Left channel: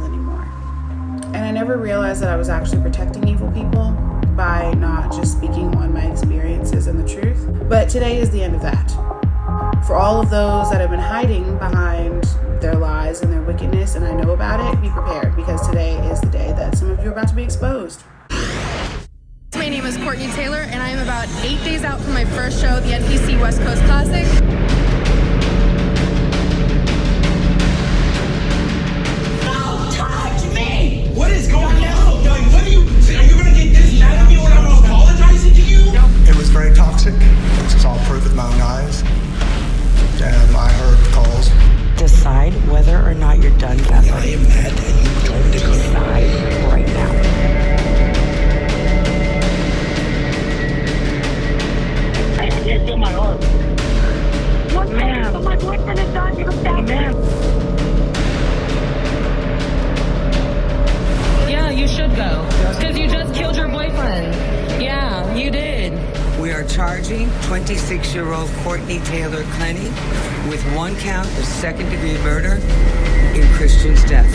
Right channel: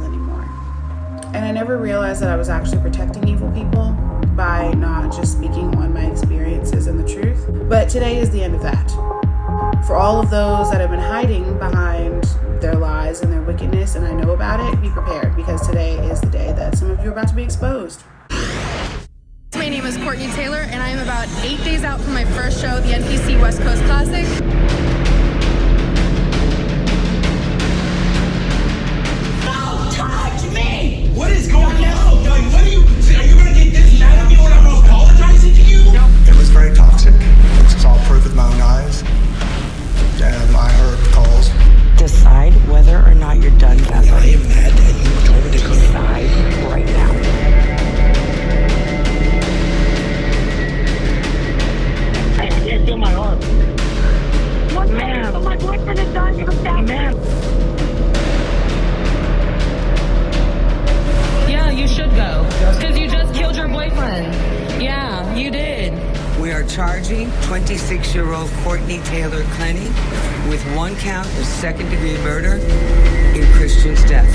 evil anymore. And I never realized that I was actually protecting evil people by not just speaking on my experiences and the truth. But today is the end of that. For all of those that have been hiding behind their lies and their wickedness, and I know about it, be prepared, because today is the day that some of you are about to be exposed. My name is Courtney Taylor, and I am about 8 days out from my first show, the NPC West Coast Classic. Don't touch me! What is going on? What are you gonna get this mad at me when I'm apologizing to you? It was very toxic. This is all proof with my own eyes. I heard calls. Decide whether or not you're done, Catherine. I am mad that you told me to come Decide right now. I can't feel my arm. What, ma'am? My boyfriend is dying of that. Ma'am. Yeah, you should go. Because you just killed your boyfriend. Yeah, you did. We are charging 26-year-old Courtney Taylor Clenny with 1 count of second-degree murder in Christian's death.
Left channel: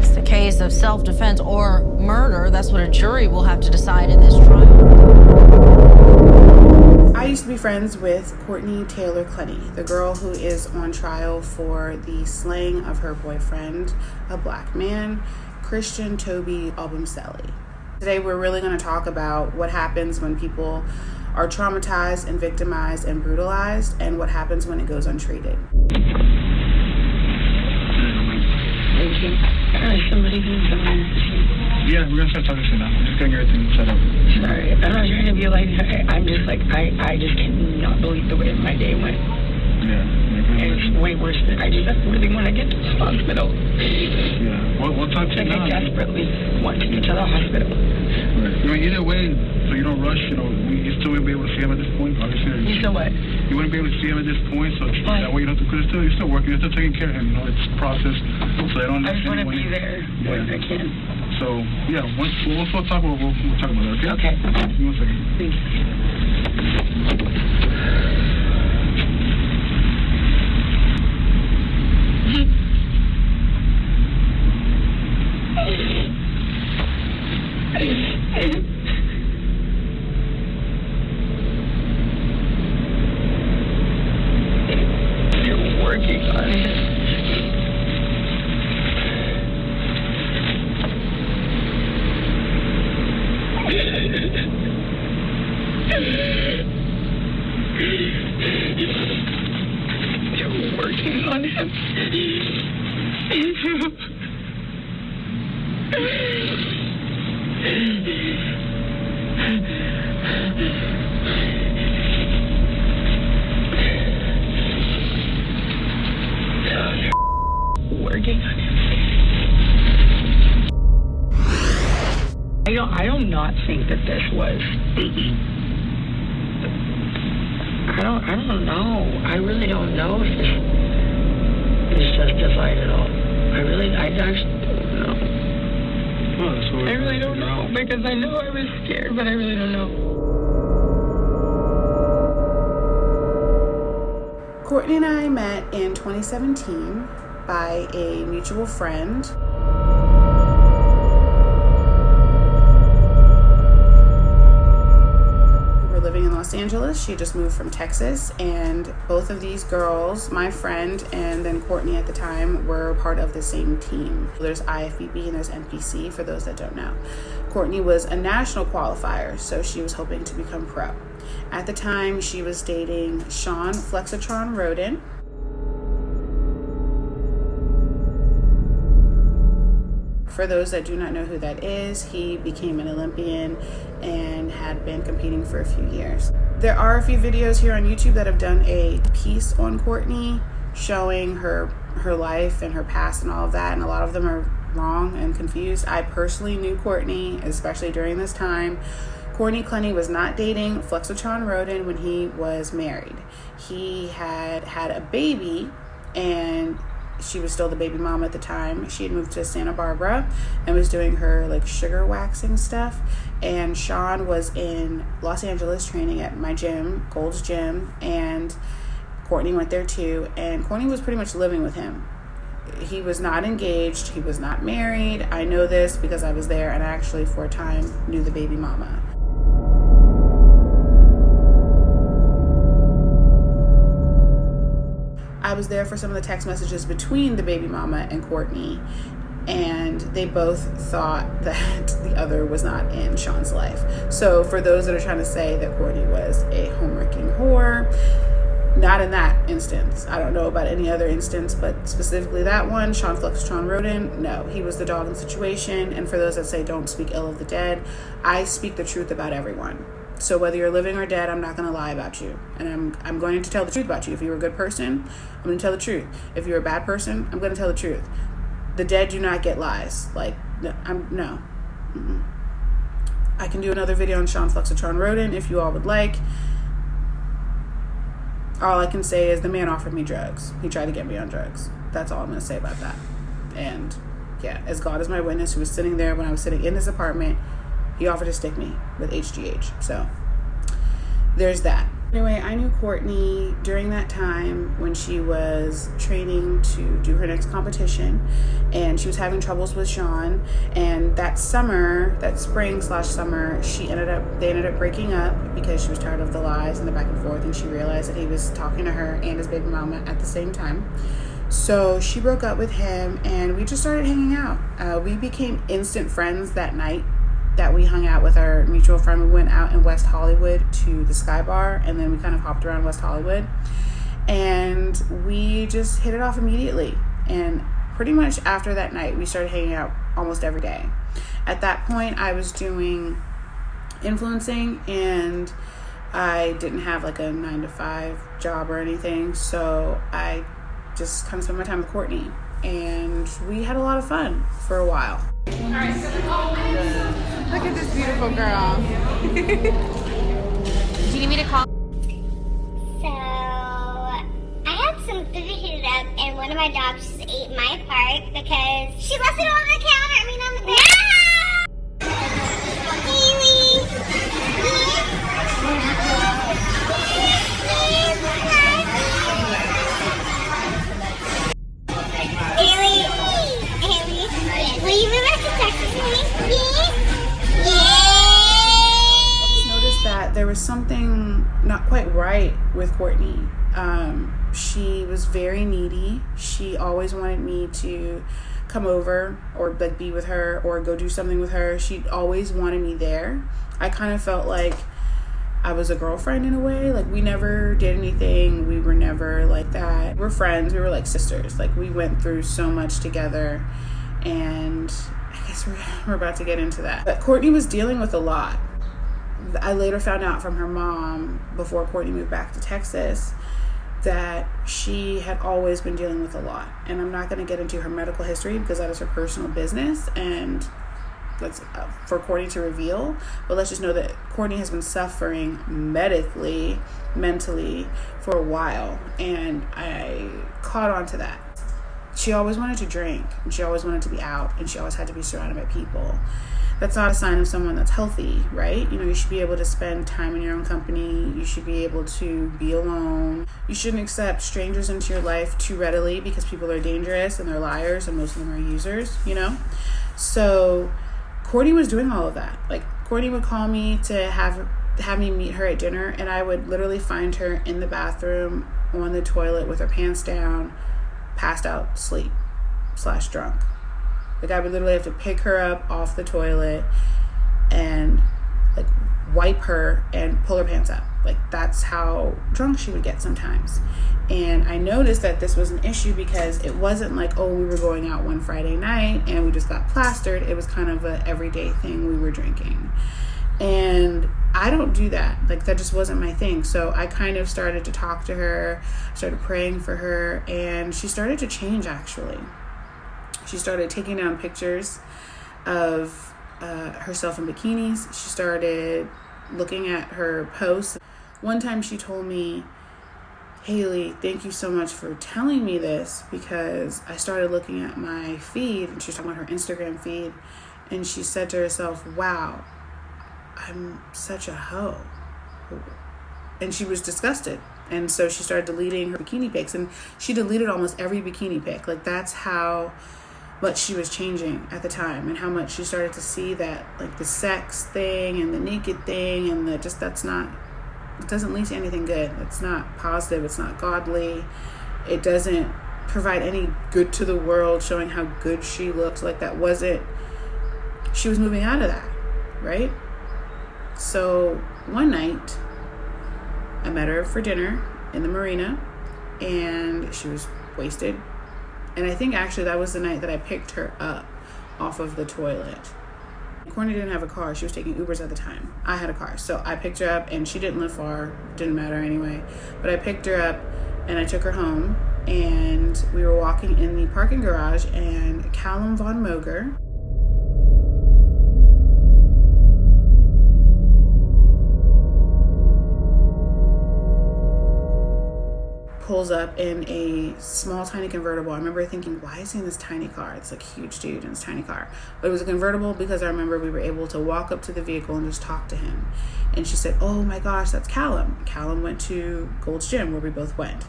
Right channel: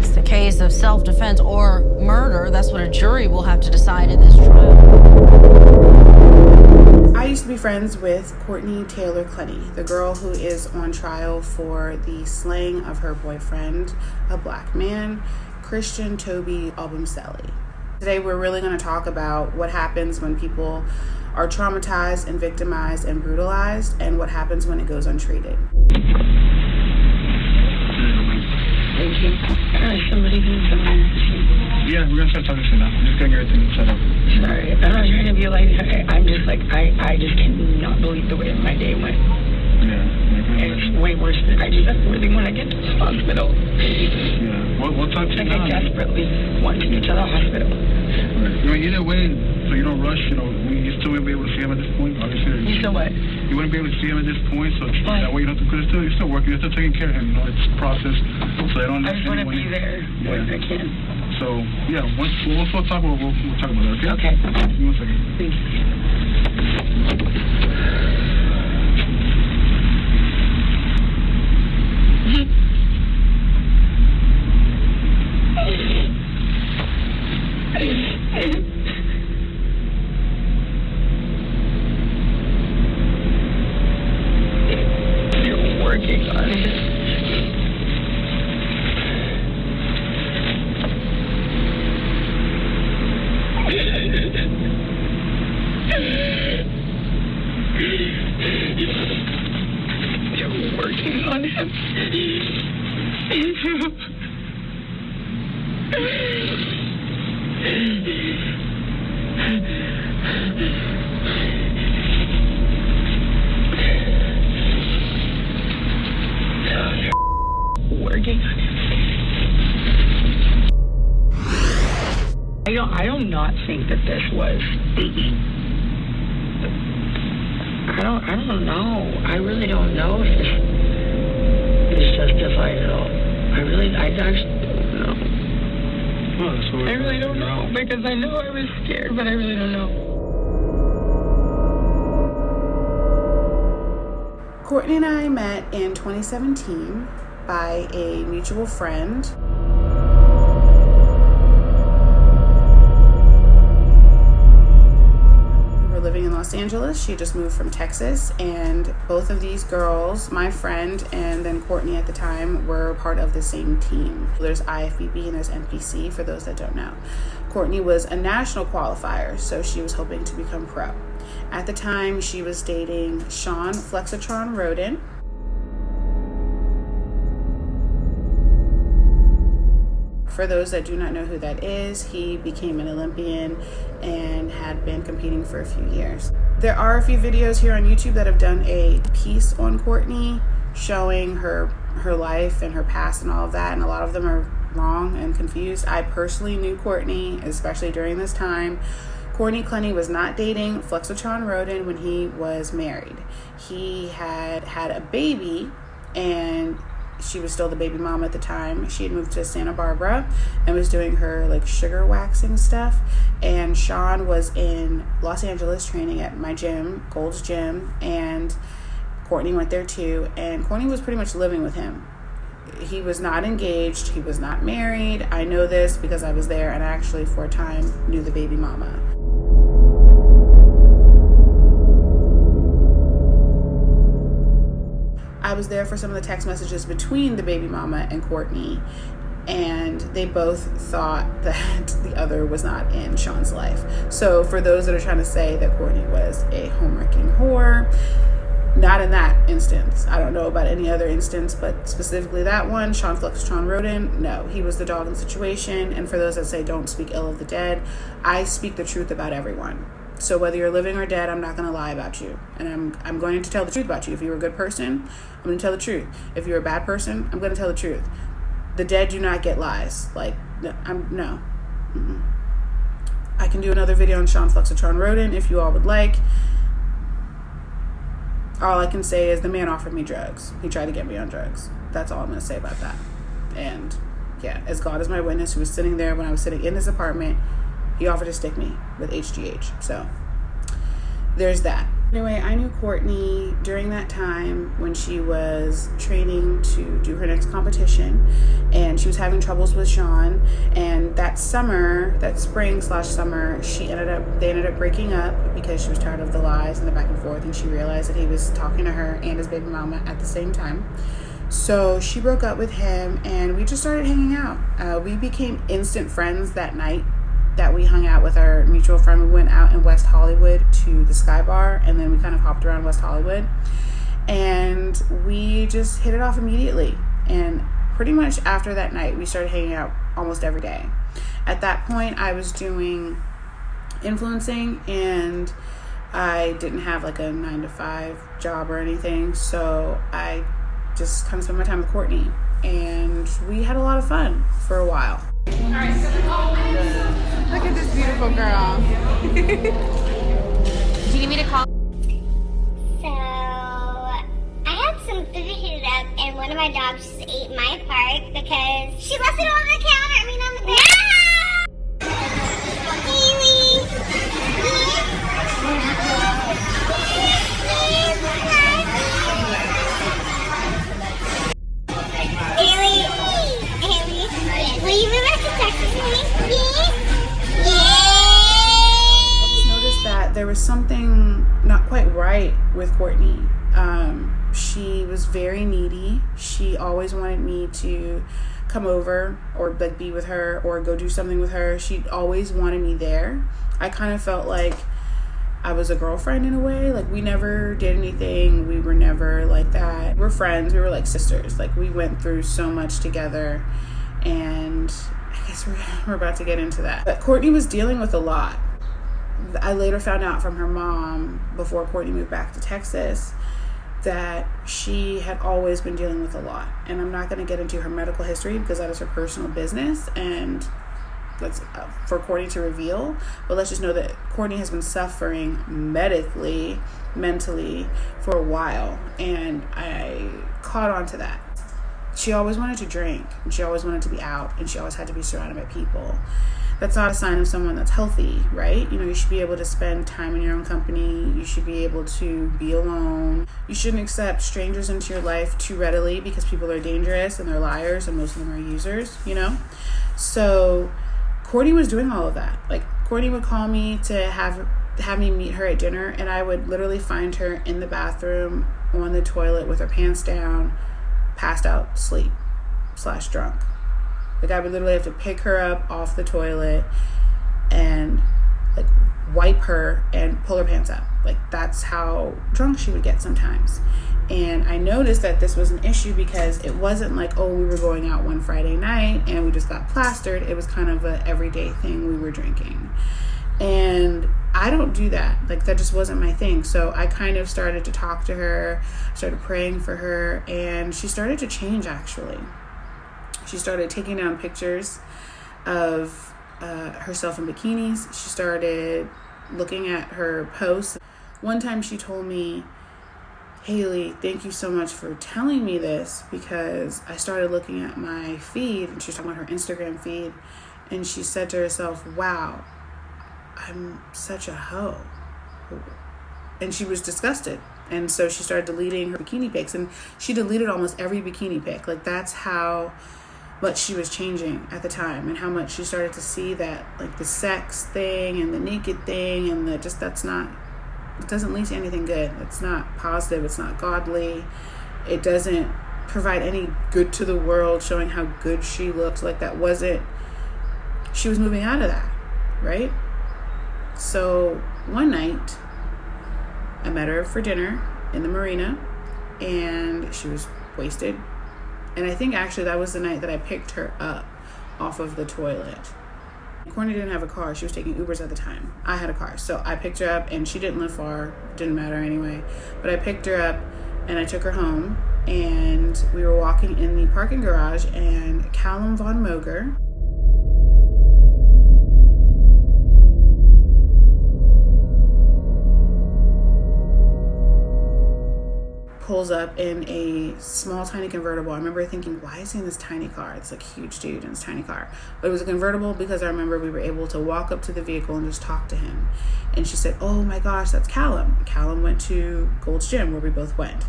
It's the case of self-defense or murder. That's what a jury will have to decide in this trial. I used to be friends with Courtney Taylor Clenny, the girl who is on trial for the slaying of her boyfriend, a black man, Christian Toby Obumseli. Today we're really going to talk about what happens when people are traumatized and victimized and brutalized, and what happens when it goes untreated. Somebody can come in. Yeah, we're gonna start talking soon now. I'm just getting everything set up. Sorry, I'm not trying to be like, I'm just like, I just cannot believe the way my day went. Yeah. It's way worse than I just really want to get to the hospital. Yeah. We'll talk to you now. I desperately want to get to the hospital. Right. I mean, either way, so you don't rush, you still wouldn't be able to see him at this point, obviously. You still what? You wouldn't be able to see him at this point, so that way you don't have to, because you're still working, you're still taking care of him, it's a process, so they don't I just want to be there when I can. So, yeah, once we'll talk about we'll talk about it, okay? Okay. Give me 1 second. Thank you. You're working on it. You're working on him. Working on him. I don't not think that this was. I don't know. I really don't know if this is justified at all. I actually don't know. Well, that's what I really don't know, because I know I was scared, but I really don't know. Courtney and I met in 2017 by a mutual friend. Living in Los Angeles. She just moved from Texas, and both of these girls, my friend and then Courtney at the time, were part of the same team. There's IFBB and there's NPC, for those that don't know. Courtney was a national qualifier, so she was hoping to become pro. At the time, she was dating Sean Flexitron Roden. For those that do not know who that is, he became an Olympian and had been competing for a few years. There are a few videos here on YouTube that have done a piece on Courtney, showing her life and her past and all of that, and a lot of them are wrong and confused. I personally knew Courtney, especially during this time. Courtney Clenny was not dating Flexitron Roden when he was married. He had a baby, and she was still the baby mom at the time. She had moved to Santa Barbara and was doing her sugar waxing stuff. And Sean was in Los Angeles training at my gym, Gold's Gym, and Courtney went there too. And Courtney was pretty much living with him. He was not engaged. He was not married. I know this because I was there and I actually for a time knew the baby mama. I was there for some of the text messages between the baby mama and Courtney, and they both thought that the other was not in Sean's life. So for those that are trying to say that Courtney was a home-wrecking whore, not in that instance. I don't know about any other instance, but specifically that one, Sean Flexitron Roden, no, he was the dog in the situation. And for those that say don't speak ill of the dead, I speak the truth about everyone. So whether you're living or dead, I'm not going to lie about you. And I'm going to tell the truth about you. If you're a good person, I'm going to tell the truth. If you're a bad person, I'm going to tell the truth. The dead do not get lies. Like, no. I can do another video on Sean Flexitron Roden if you all would like. All I can say is the man offered me drugs. He tried to get me on drugs. That's all I'm going to say about that. And yeah, as God is my witness, who was sitting there when I was sitting in his apartment, he offered to stick me with HGH. So there's that. Anyway, I knew Courtney during that time when she was training to do her next competition, and she was having troubles with Sean. And that spring/summer, they ended up breaking up because she was tired of the lies and the back and forth, and she realized that he was talking to her and his baby mama at the same time. So she broke up with him, and we just started hanging out. We became instant friends that night that we hung out with our mutual friend. We went out in West Hollywood to the Sky Bar, and then we kind of hopped around West Hollywood, and we just hit it off immediately. And pretty much after that night, we started hanging out almost every day. At that point, I was doing influencing, and I didn't have like a 9-to-5 job or anything, so I just kind of spent my time with Courtney, and we had a lot of fun for a while. All right, so look at this beautiful girl. Do you need me to call? So, I had some food heated up, and one of my dogs just ate my part because she left it on the counter. On the bed. Hayley! Hayley, will you move back to Texas with me? That there was something not quite right with Courtney. She was very needy. She always wanted me to come over or like be with her or go do something with her. She always wanted me there. I kind of felt like I was a girlfriend in a way. Like we never did anything. We were never like that. We're friends. We were like sisters. Like we went through so much together, and I guess we're about to get into that. But Courtney was dealing with a lot. I later found out from her mom, before Courtney moved back to Texas, that she had always been dealing with a lot. And I'm not going to get into her medical history because that is her personal business, and that's for Courtney to reveal. But let's just know that Courtney has been suffering medically, mentally for a while, and I caught on to that. She always wanted to drink, and she always wanted to be out, and she always had to be surrounded by people. That's not a sign of someone that's healthy, right? You know, you should be able to spend time in your own company. You should be able to be alone. You shouldn't accept strangers into your life too readily because people are dangerous and they're liars, and most of them are users, you know? So Courtney was doing all of that. Like, Courtney would call me to have me meet her at dinner, and I would literally find her in the bathroom on the toilet with her pants down, passed out, sleep/drunk. Like, I would literally have to pick her up off the toilet and like wipe her and pull her pants up. Like, that's how drunk she would get sometimes. And I noticed that this was an issue because it wasn't like, oh, we were going out one Friday night and we just got plastered. It was kind of a everyday thing. We were drinking. And I don't do that. Like, that just wasn't my thing. So I kind of started to talk to her, started praying for her, and she started to change, actually. She started taking down pictures of herself in bikinis. She started looking at her posts. One time she told me, Hayley, thank you so much for telling me this, because I started looking at my feed, and she was talking about her Instagram feed, and she said to herself, wow, I'm such a hoe. And she was disgusted And so she started deleting her bikini pics, and she deleted almost every bikini pic. Like, that's how much she was changing at the time, and how much she started to see that, like, the sex thing and the naked thing and the just, that's not, it doesn't lead to anything good. It's not positive. It's not godly. It doesn't provide any good to the world, showing how good she looked. Like, that wasn't, she was moving out of that, right? So one night I met her for dinner in the marina, and she was wasted. And I think actually that was the night that I picked her up off of the toilet. Courtney didn't have a car. She was taking Ubers at the time. I had a car. So I picked her up, and she didn't live far. Didn't matter anyway. But I picked her up and I took her home, and we were walking in the parking garage, and Calum Von Moger, pulls up in a small, tiny convertible. I remember thinking, why is he in this tiny car? It's like a huge dude in this tiny car. But it was a convertible because I remember we were able to walk up to the vehicle and just talk to him. And she said, oh my gosh, that's Calum. Calum went to Gold's Gym, where we both went.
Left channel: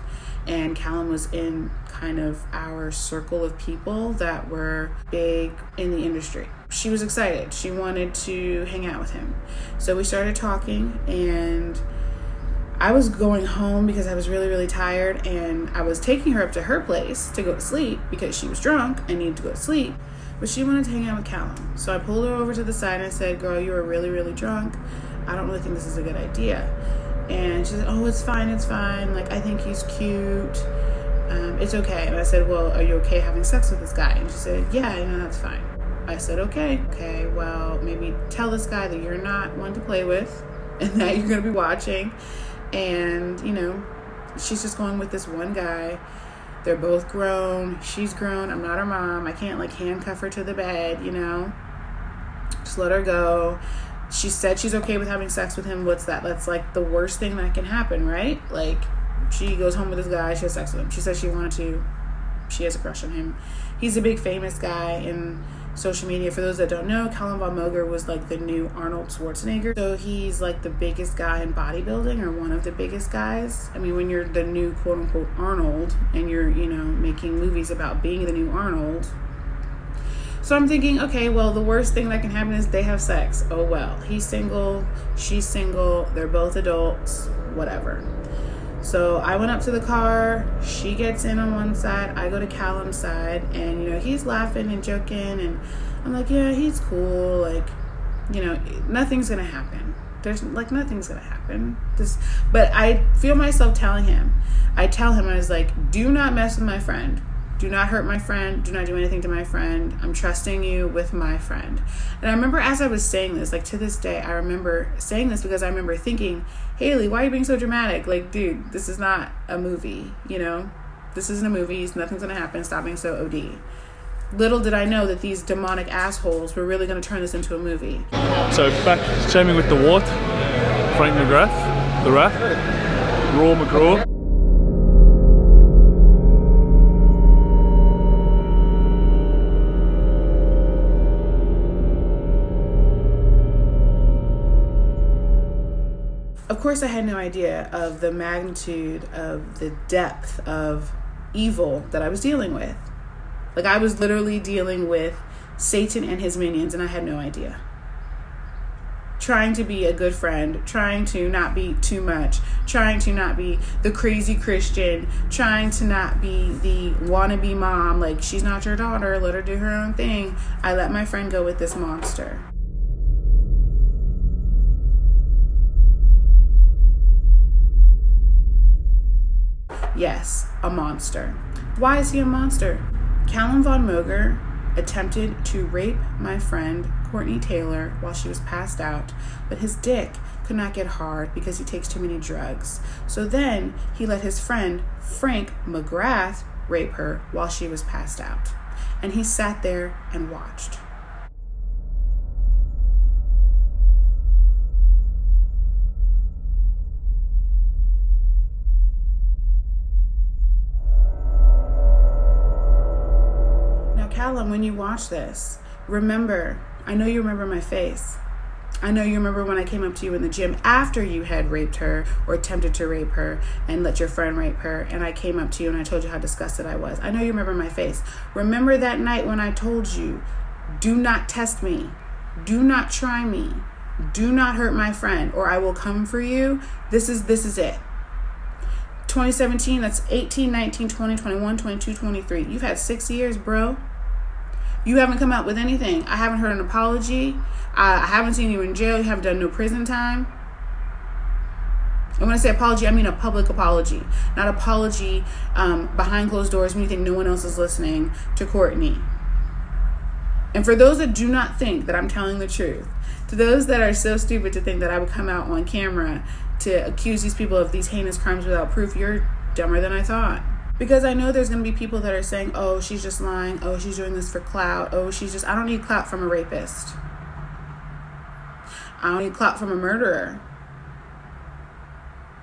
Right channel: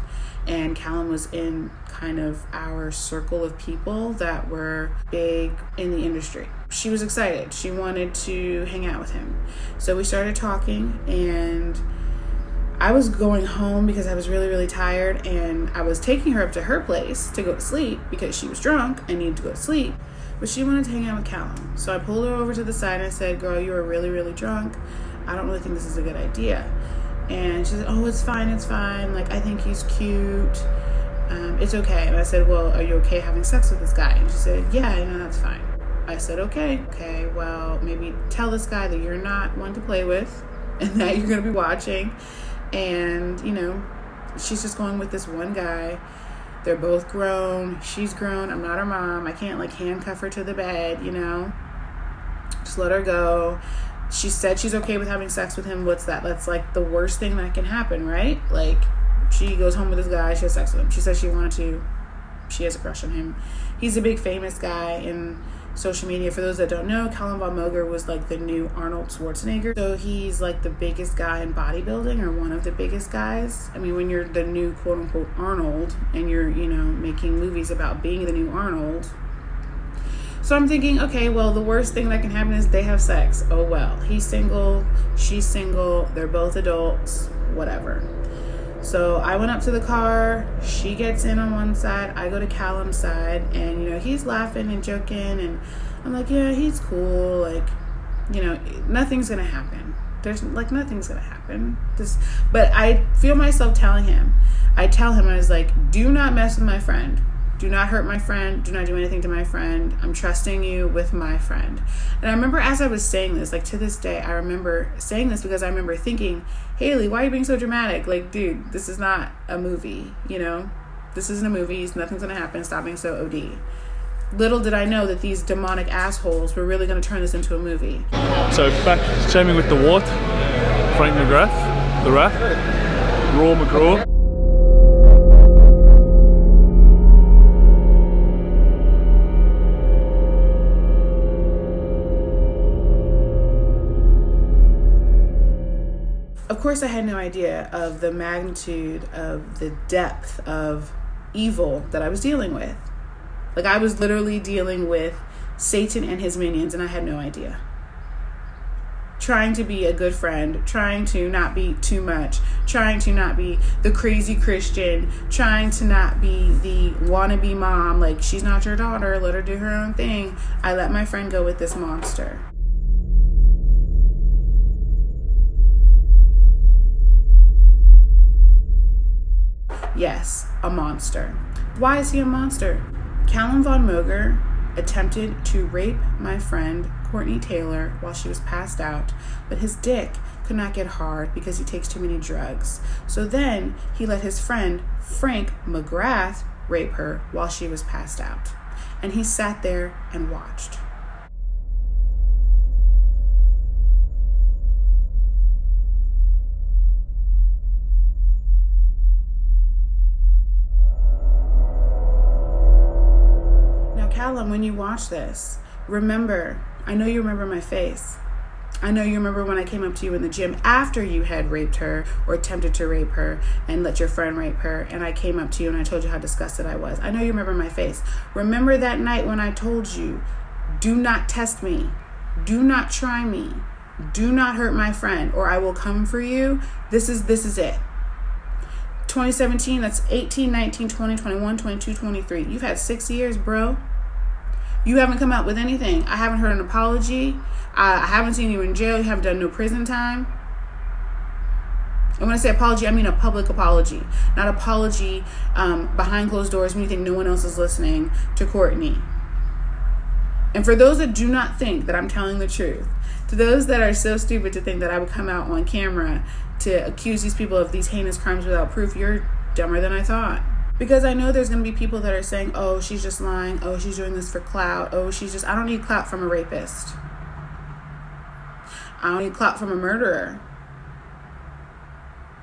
And Calum was in kind of our circle of people that were big in the industry. She was excited. She wanted to hang out with him. So we started talking, and I was going home because I was really, really tired, and I was taking her up to her place to go to sleep because she was drunk and needed to go to sleep, but she wanted to hang out with Calum. So I pulled her over to the side and I said, girl, you are really, really drunk. I don't really think this is a good idea. And she said, oh, it's fine. Like, I think he's cute. It's okay. And I said, well, are you okay having sex with this guy? And she said, yeah, that's fine. I said, okay, well, maybe tell this guy that you're not one to play with and that you're going to be watching. And, she's just going with this one guy. They're both grown. She's grown. I'm not her mom. I can't, like, handcuff her to the bed, Just let her go. She said she's okay with having sex with him. What's that? That's, like, the worst thing that can happen, right? Like, she goes home with this guy. She has sex with him. She said she wanted to. She has a crush on him. He's a big famous guy in social media. For those that don't know, Calum Von Moger was like the new Arnold Schwarzenegger. So he's like the biggest guy in bodybuilding, or one of the biggest guys. I mean, when you're the new quote unquote Arnold and you're, making movies about being the new Arnold. So I'm thinking, okay, well, the worst thing that can happen is they have sex. Oh, well, he's single, she's single, they're both adults, whatever. So I went up to the car, she gets in on one side, I go to Calum's side, and, he's laughing and joking, and I'm like, yeah, he's cool, like, nothing's gonna happen. There's, like, nothing's gonna happen. But I feel myself telling him, I was like, do not mess with my friend. Do not hurt my friend. Do not do anything to my friend. I'm trusting you with my friend. And I remember as I was saying this, like, to this day, I remember saying this because I remember thinking, Hayley, why are you being so dramatic? Like, dude, this is not a movie, This isn't a movie. Nothing's going to happen. Stop being so OD. Little did I know that these demonic assholes were really going to turn this into a movie. So back shaming with the what? Frank McGrath, the Rat, Raw McGraw. Of course, I had no idea of the magnitude of the depth of evil that I was dealing with. Like, I was literally dealing with Satan and his minions, and I had no idea. Trying to be a good friend, trying to not be too much, trying to not be the crazy Christian, trying to not be the wannabe mom, like, she's not your daughter, let her do her own thing. I let my friend go with this monster. Yes, a monster. Why is he a monster? Calum Von Moger attempted to rape my friend Courtney Taylor while she was passed out, but his dick could not get hard because he takes too many drugs. So then he let his friend Frank McGrath rape her while she was passed out. And he sat there and watched. Calum, when you watch this, remember, I know you remember my face. I know you remember when I came up to you in the gym after you had raped her or attempted to rape her and let your friend rape her, and I came up to you and I told you how disgusted I was. I know you remember my face. Remember that night when I told you, do not test me, do not try me, do not hurt my friend, or I will come for you. This is it. 2017, that's 18, 19, 20, 21, 22, 23. You've had 6 years, bro. You haven't come out with anything. I haven't heard an apology. I haven't seen you in jail. You haven't done no prison time. And when I say apology, I mean a public apology. Not apology behind closed doors when you think no one else is listening to Courtney. And for those that do not think that I'm telling the truth, to those that are so stupid to think that I would come out on camera to accuse these people of these heinous crimes without proof, you're dumber than I thought. Because I know there's going to be people that are saying, oh, she's just lying. Oh, she's doing this for clout. Oh, I don't need clout from a rapist. I don't need clout from a murderer.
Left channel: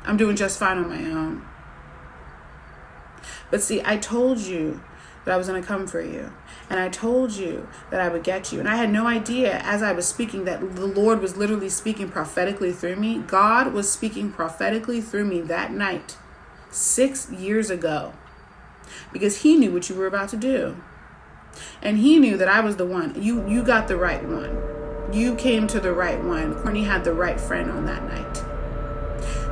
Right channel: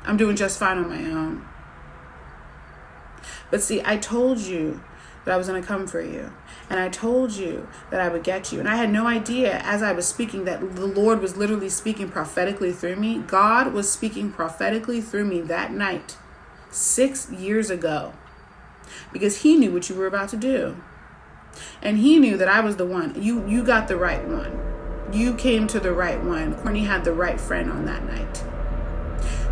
I'm doing just fine on my own. But see, I told you that I was going to come for you. And I told you that I would get you. And I had no idea as I was speaking that the Lord was literally speaking prophetically through me. God was speaking prophetically through me that night, 6 years ago. Because he knew what you were about to do. And he knew that I was the one. You got the right one. You came to the right one. Courtney had the right friend on that night.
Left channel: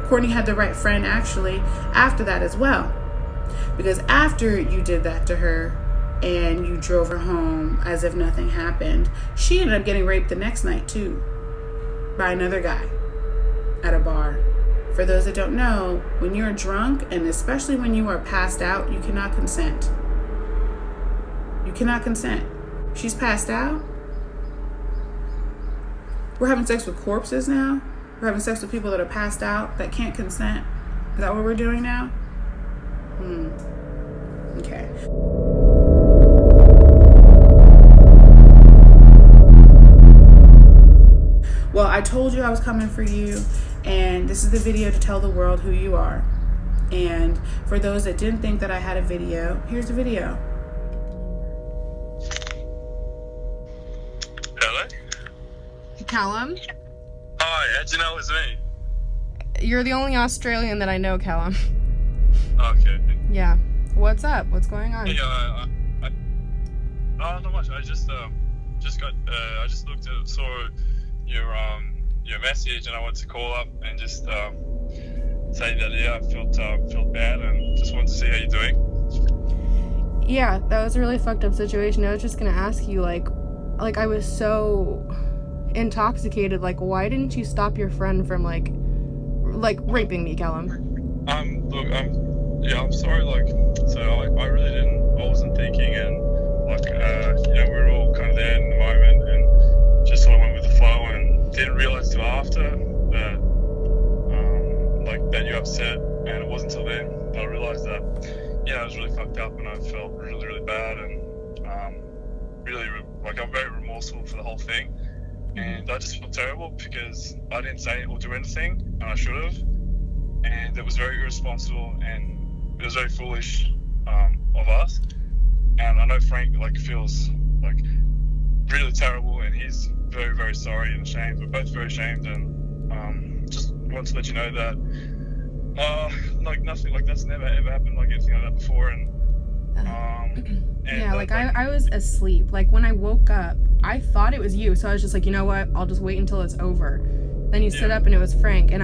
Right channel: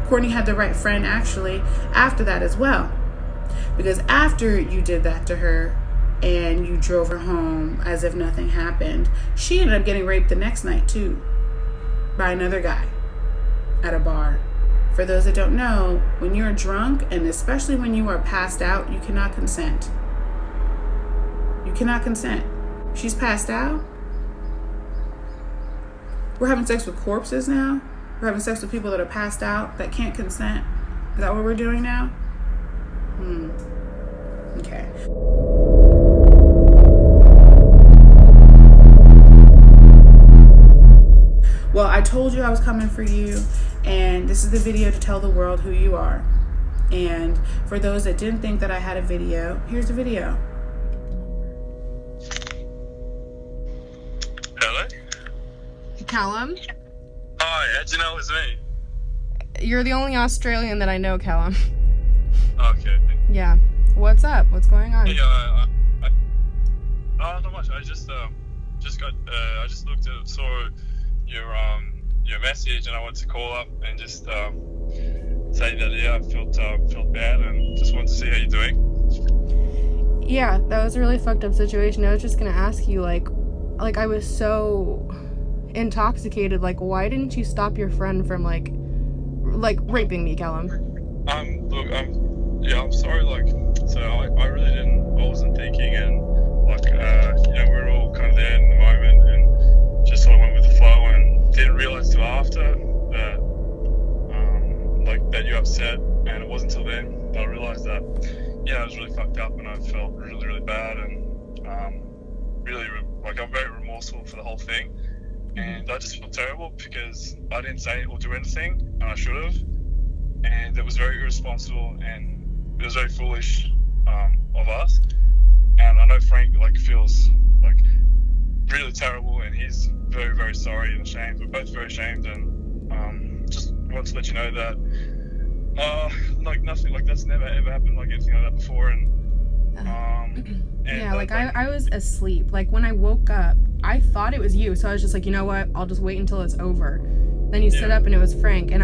Courtney had the right friend actually after that as well. Because after you did that to her and you drove her home as if nothing happened, she ended up getting raped the next night too by another guy at a bar. For those that don't know, when you're drunk and especially when you are passed out, you cannot consent. You cannot consent. She's passed out. We're having sex with corpses now. We're having sex with people that are passed out that can't consent. Is that what we're doing now? Okay. Well, I told you I was coming for you, and this is the video to tell the world who you are. And for those that didn't think that I had a video, here's the video. Hello? Callum? Hi, how'd you know it was me? You're the only Australian that I know, Callum. Okay. Yeah. What's up? What's going on? Yeah, not much. I just saw your message, and I wanted to call up and just say that I felt bad and just wanted to see how you're doing. Yeah, that was a really fucked up situation. I was just gonna ask you, like I was so intoxicated. Like, why didn't you stop your friend from like raping me, Callum? Look, I'm sorry. So I really didn't. I wasn't thinking, and we were all kind of there in the moment, and just sort of went with the flow, and didn't realize till after that, that you're upset, and it wasn't until then that I realized that, I was really fucked up, and I felt really, really bad, and really, I'm very remorseful for the whole thing, and I just felt terrible because I didn't say or do anything, and I should have, and it was very irresponsible, and it was very foolish of us, and I know Frank feels really terrible, and he's very, very sorry and ashamed. We're both very ashamed, and just want to let you know that nothing like that's never ever happened anything like that before, and yeah, I was asleep. When I woke up, I thought it was you, so I was just like, you know what, I'll just wait until it's over. Then you stood up and it was Frank, and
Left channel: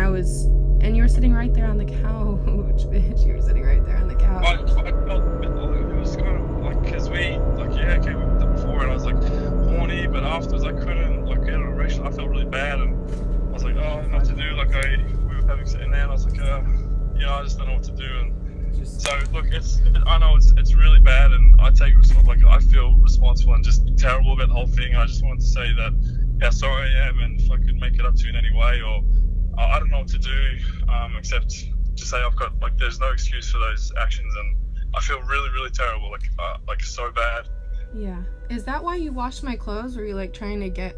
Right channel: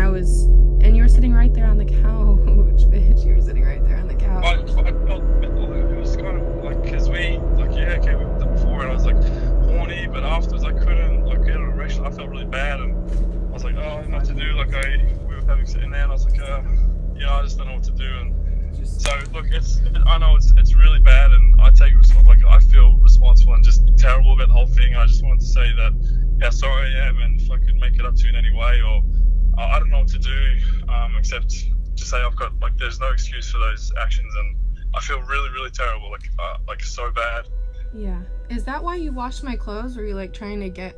you were sitting right there on the couch, bitch. You were sitting right there on the couch. I felt it was kind of because we did that before, and I was horny, but afterwards I couldn't get an erection. I felt really bad, and I was like, oh, I don't know what to do. We were having sitting there, and I was like, I just don't know what to do. And so look, I know it's really bad, and I take I feel responsible and just terrible about the whole thing. I just wanted to say that how sorry I am, and if I could make it up to you in any way, or I don't know what to do except to say I've got there's no excuse for those actions, and I feel really, really terrible, so bad. Yeah. Is that why you washed my clothes? Were you trying to get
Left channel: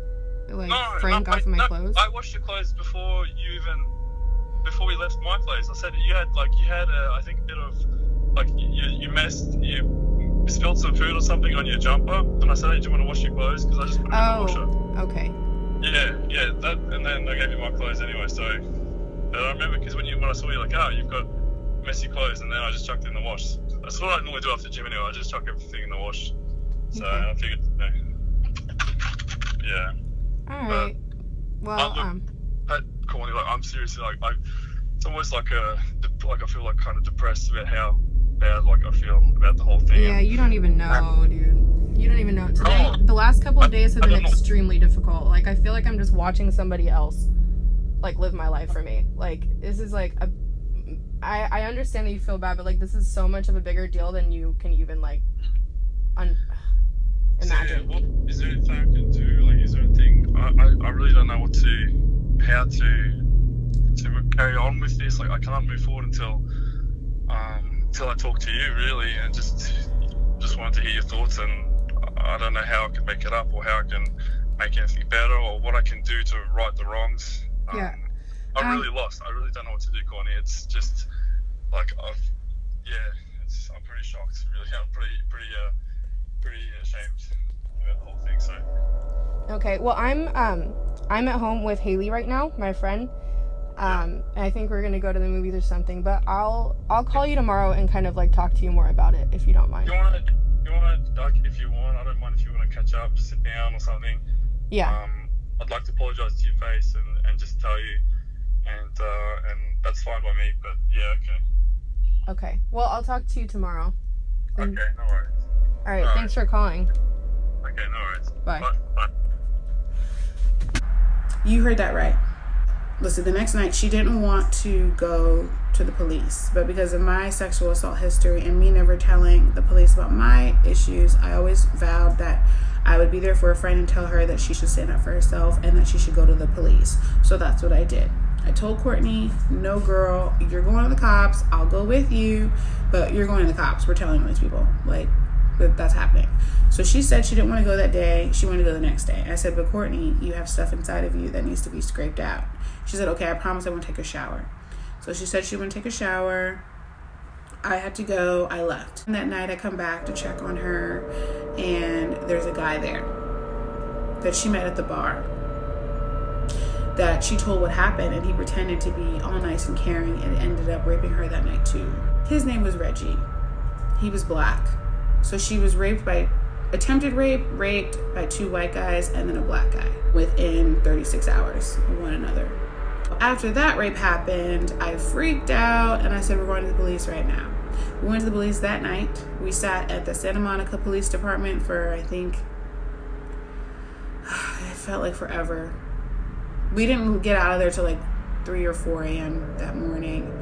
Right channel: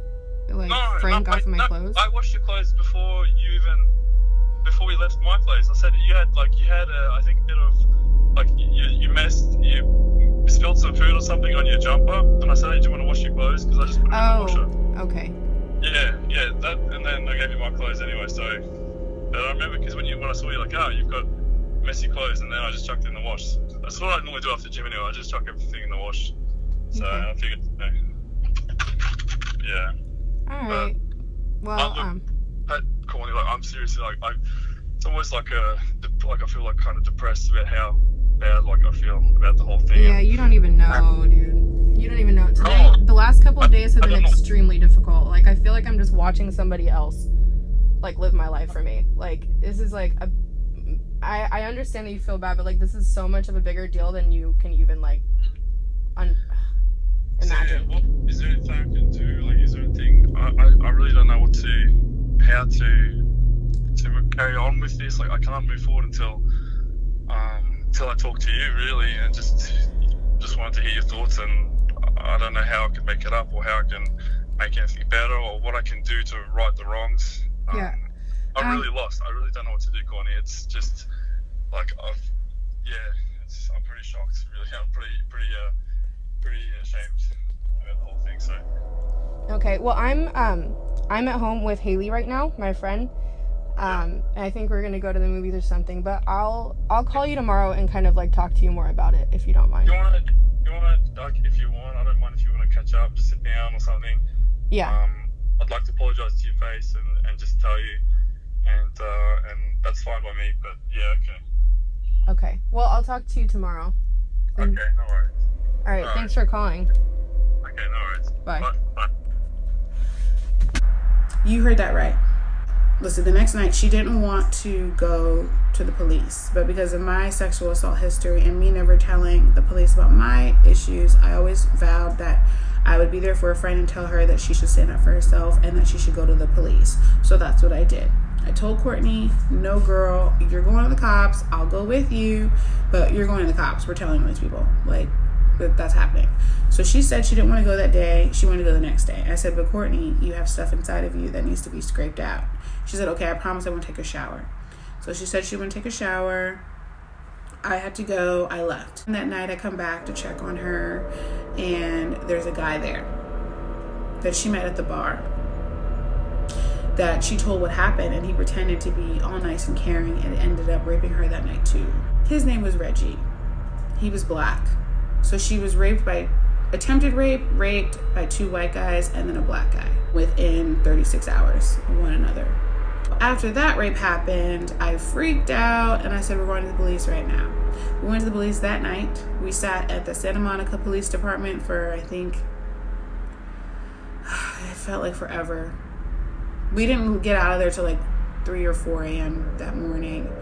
Frank off of my clothes? I washed your clothes before we left my place. I said you had I think a bit of you spilled some food or something on your jumper, and I said, hey, do you want to wash your clothes? Because I just put it in the washer. Okay. Yeah, that, and then I gave you my clothes anyway, so, but I remember, because when I saw you, like, oh, you've got messy clothes, and then I just chucked it in the wash. That's what I normally do after the gym anyway, I just chuck everything in the wash. So, I figured, yeah. Alright. Well, Courtney, like, I'm seriously, like, it's almost like I feel like kind of depressed about how bad, like, I feel about the whole thing. Yeah, you don't even know, dude. You don't even know. Today, the last couple of days have been extremely difficult. Like, I feel like I'm just watching somebody else, like, live my life for me. Like, this is, like, I understand that you feel bad, but, like, this is so much of a bigger deal than you can even, like, imagine. What, is there anything I can do? Like, is there anything, I really don't know how to carry on with this. Like, I can't move forward until I talk to you, really, and just wanted to hear your thoughts, and I don't know how I can make it up, or how I can make anything better, or what I can do to right the wrongs. I'm really lost. I really don't know what to do, Courtney. It's just like I'm pretty shocked. Really, I'm pretty ashamed about the whole thing. So. Okay. Well, I'm at home with Hayley right now, my friend. And I think we're gonna go to the movies or something. But I'll call you tomorrow and kind of like talk to you more about it, if you don't mind. You wanna like, if you want, I don't mind if you wanna catch up, just sit down or something. Yeah. I'd like to apologize to your face and just tell you, and that's fine by me. But yeah, okay. Okay. Well, I'll talk to you tomorrow. Okay, no worries. All right. Thanks for calling. Okay, no worries. Bye. Bye. You heard that right. Listen, the next night she didn't want to go to the police, but because of my sexual assault history and me never telling the police about my issues, I always vowed that I would be there for a friend and tell her that she should stand up for herself and that she should go to the police. So that's what I did. I told Courtney, no girl, you're going to the cops, I'll go with you, but you're going to the cops. We're telling these people, like, that's happening. So she said she didn't want to go that day. She wanted to go the next day. I said, but Courtney, you have stuff inside of you that needs to be scraped out. She said, okay, I promise I won't take a shower. So she said she wouldn't take a shower. I had to go. I left. And that night I come back to check on her, and there's a guy there that she met at the bar that she told what happened, and he pretended to be all nice and caring and ended up raping her that night too. His name was Reggie. He was black. So she was raped by, attempted rape, raped by 2 white guys and then a black guy within 36 hours of one another. After that rape happened, I freaked out and I said, we're going to the police right now. We went to the police that night. We sat at the Santa Monica Police Department for, I think, it felt like forever. We didn't get out of there till like 3 or 4 a.m. that morning.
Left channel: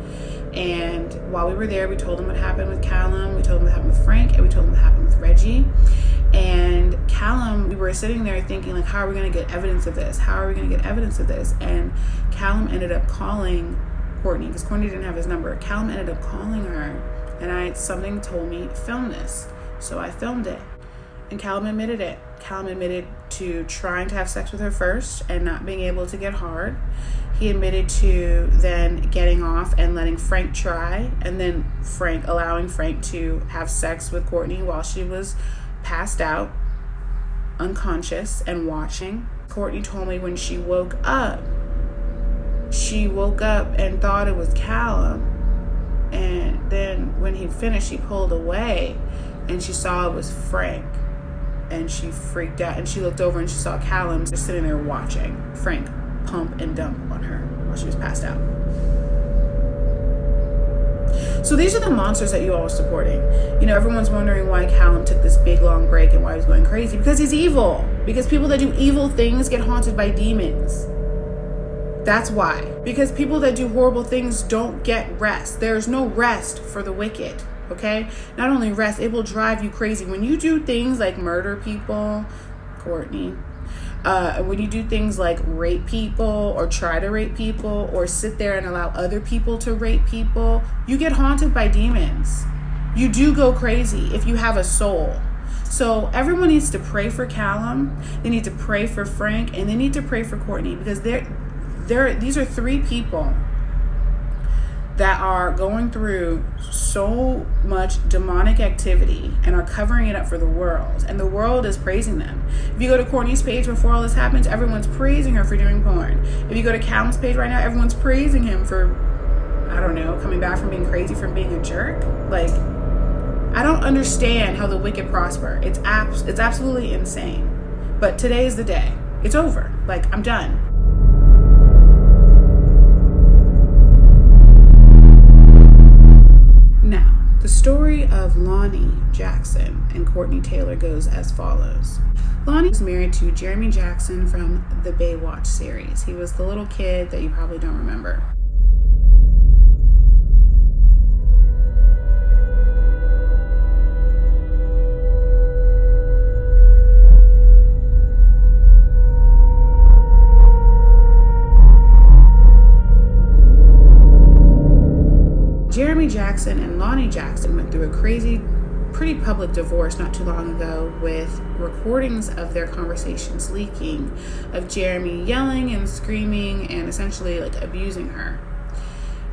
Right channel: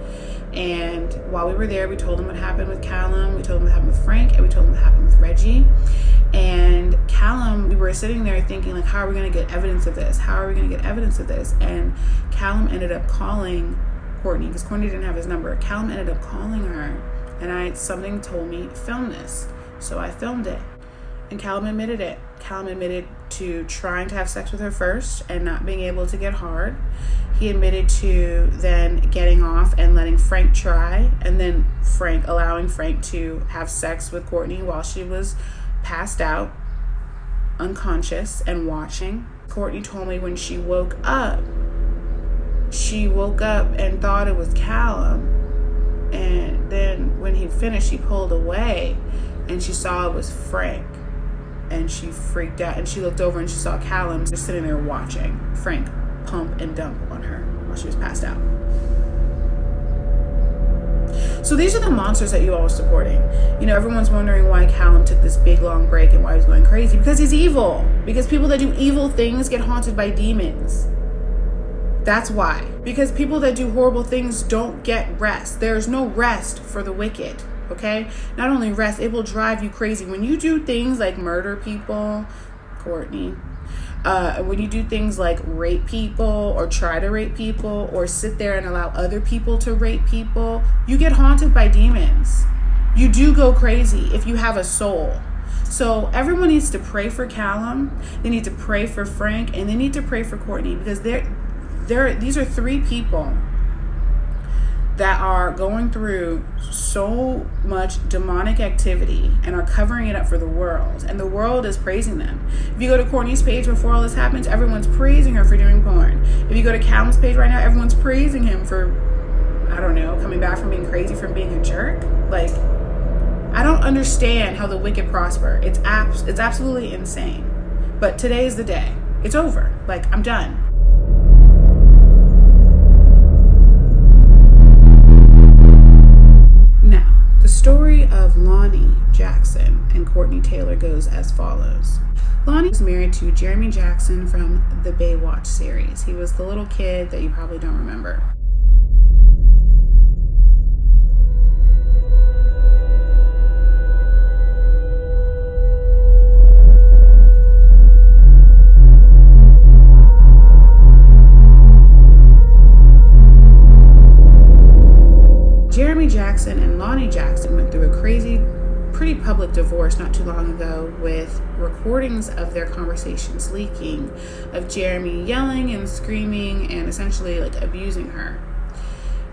And while we were there, we told them what happened with Calum, we told them what happened with Frank, and we told them what happened with Reggie. And Calum, we were sitting there thinking, like, how are we going to get evidence of this? How are we going to get evidence of this? And Calum ended up calling Courtney, because Courtney didn't have his number. Calum ended up calling her, and something told me, film this. So I filmed it. And Calum admitted it. Calum admitted to trying to have sex with her first and not being able to get hard. He admitted to then getting off and letting Frank try, and then allowing Frank to have sex with Courtney while she was passed out, unconscious, and watching. Courtney told me when she woke up and thought it was Calum. And then when he finished, she pulled away and she saw it was Frank. And she freaked out and she looked over and she saw Calum just sitting there watching Frank pump and dump on her while she was passed out. So these are the monsters that you all are supporting. You know, everyone's wondering why Calum took this big long break and why he's going crazy. Because he's evil. Because people that do evil things get haunted by demons. That's why. Because people that do horrible things don't get rest. There's no rest for the wicked. Okay? Not only rest, it will drive you crazy. When you do things like murder people, Courtney, when you do things like rape people or try to rape people or sit there and allow other people to rape people, you get haunted by demons. You do go crazy if you have a soul. So everyone needs to pray for Calum. They need to pray for Frank, and they need to pray for Courtney, because these are 3 people that are going through so much demonic activity and are covering it up for the world, and the world is praising them. If you go to Courtney's page before all this happens, everyone's praising her for doing porn. If you go to Calum's page right now, everyone's praising him for, I don't know, coming back from being crazy, from being a jerk. Like, I don't understand how the wicked prosper. It's absolutely insane. But today is the day. It's over. Like, I'm done. Now, the story of Lonnie Jackson and Courtney Taylor goes as follows. Lonnie was married to Jeremy Jackson from the Baywatch series. He was the little kid that you probably don't remember. Jeremy Jackson and Lonnie Jackson went through a crazy, pretty public divorce not too long ago, with recordings of their conversations leaking, of Jeremy yelling and screaming and essentially like abusing her.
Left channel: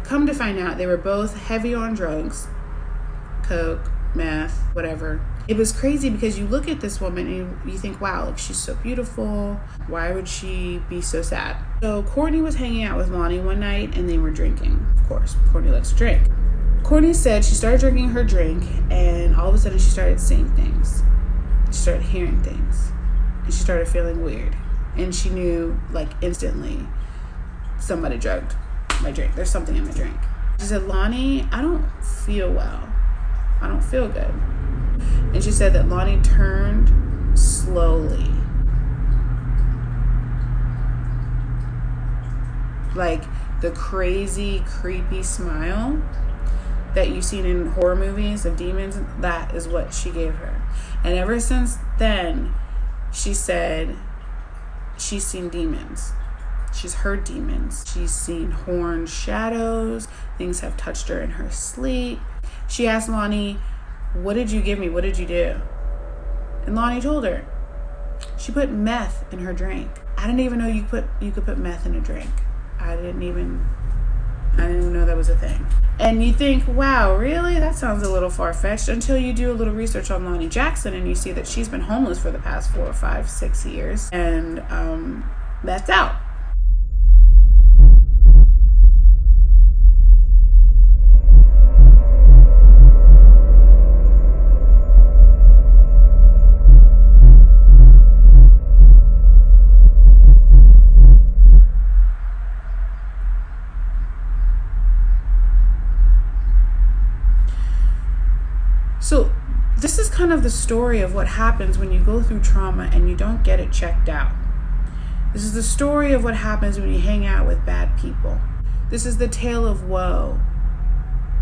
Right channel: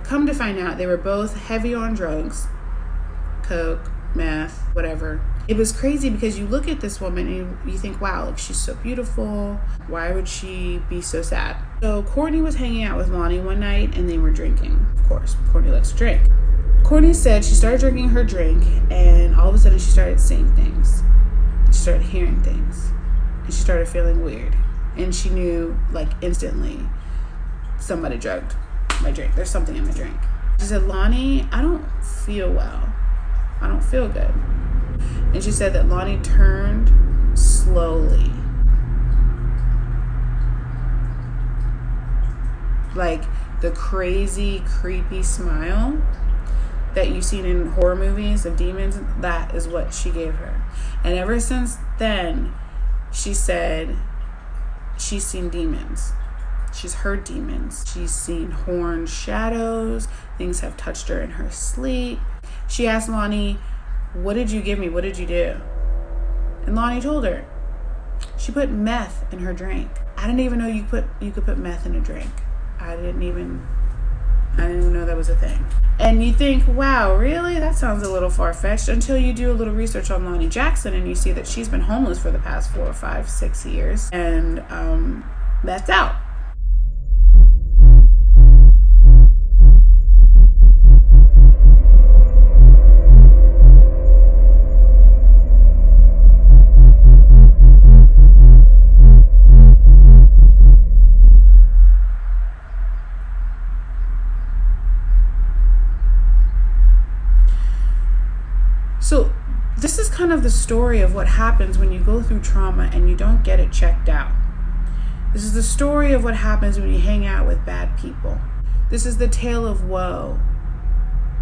Come to find out, they were both heavy on drugs, coke, meth, whatever. It was crazy because you look at this woman and you think, wow, like, she's so beautiful. Why would she be so sad? So Courtney was hanging out with Lonnie one night and they were drinking. Of course, Courtney likes to drink. Courtney said she started drinking her drink and all of a sudden she started seeing things. She started hearing things. And she started feeling weird. And she knew, like, instantly, somebody drugged my drink. There's something in my drink. She said, Lonnie, I don't feel well. I don't feel good. And she said that Lonnie turned slowly. Like the crazy, creepy smile that you've seen in horror movies of demons, that is what she gave her. And ever since then, she said she's seen demons. She's heard demons. She's seen horned shadows. Things have touched her in her sleep. She asked Lonnie, what did you give me? What did you do? And Lonnie told her. She put meth in her drink. I didn't even know you could put meth in a drink. I didn't even know that was a thing. And you think, wow, really? That sounds a little far-fetched, until you do a little research on Lonnie Jackson and you see that she's been homeless for the past 4 or 5, 6 years. And that's out. So this is kind of the story of what happens when you go through trauma and you don't get it checked out. This is the story of what happens when you hang out with bad people. This is the tale of woe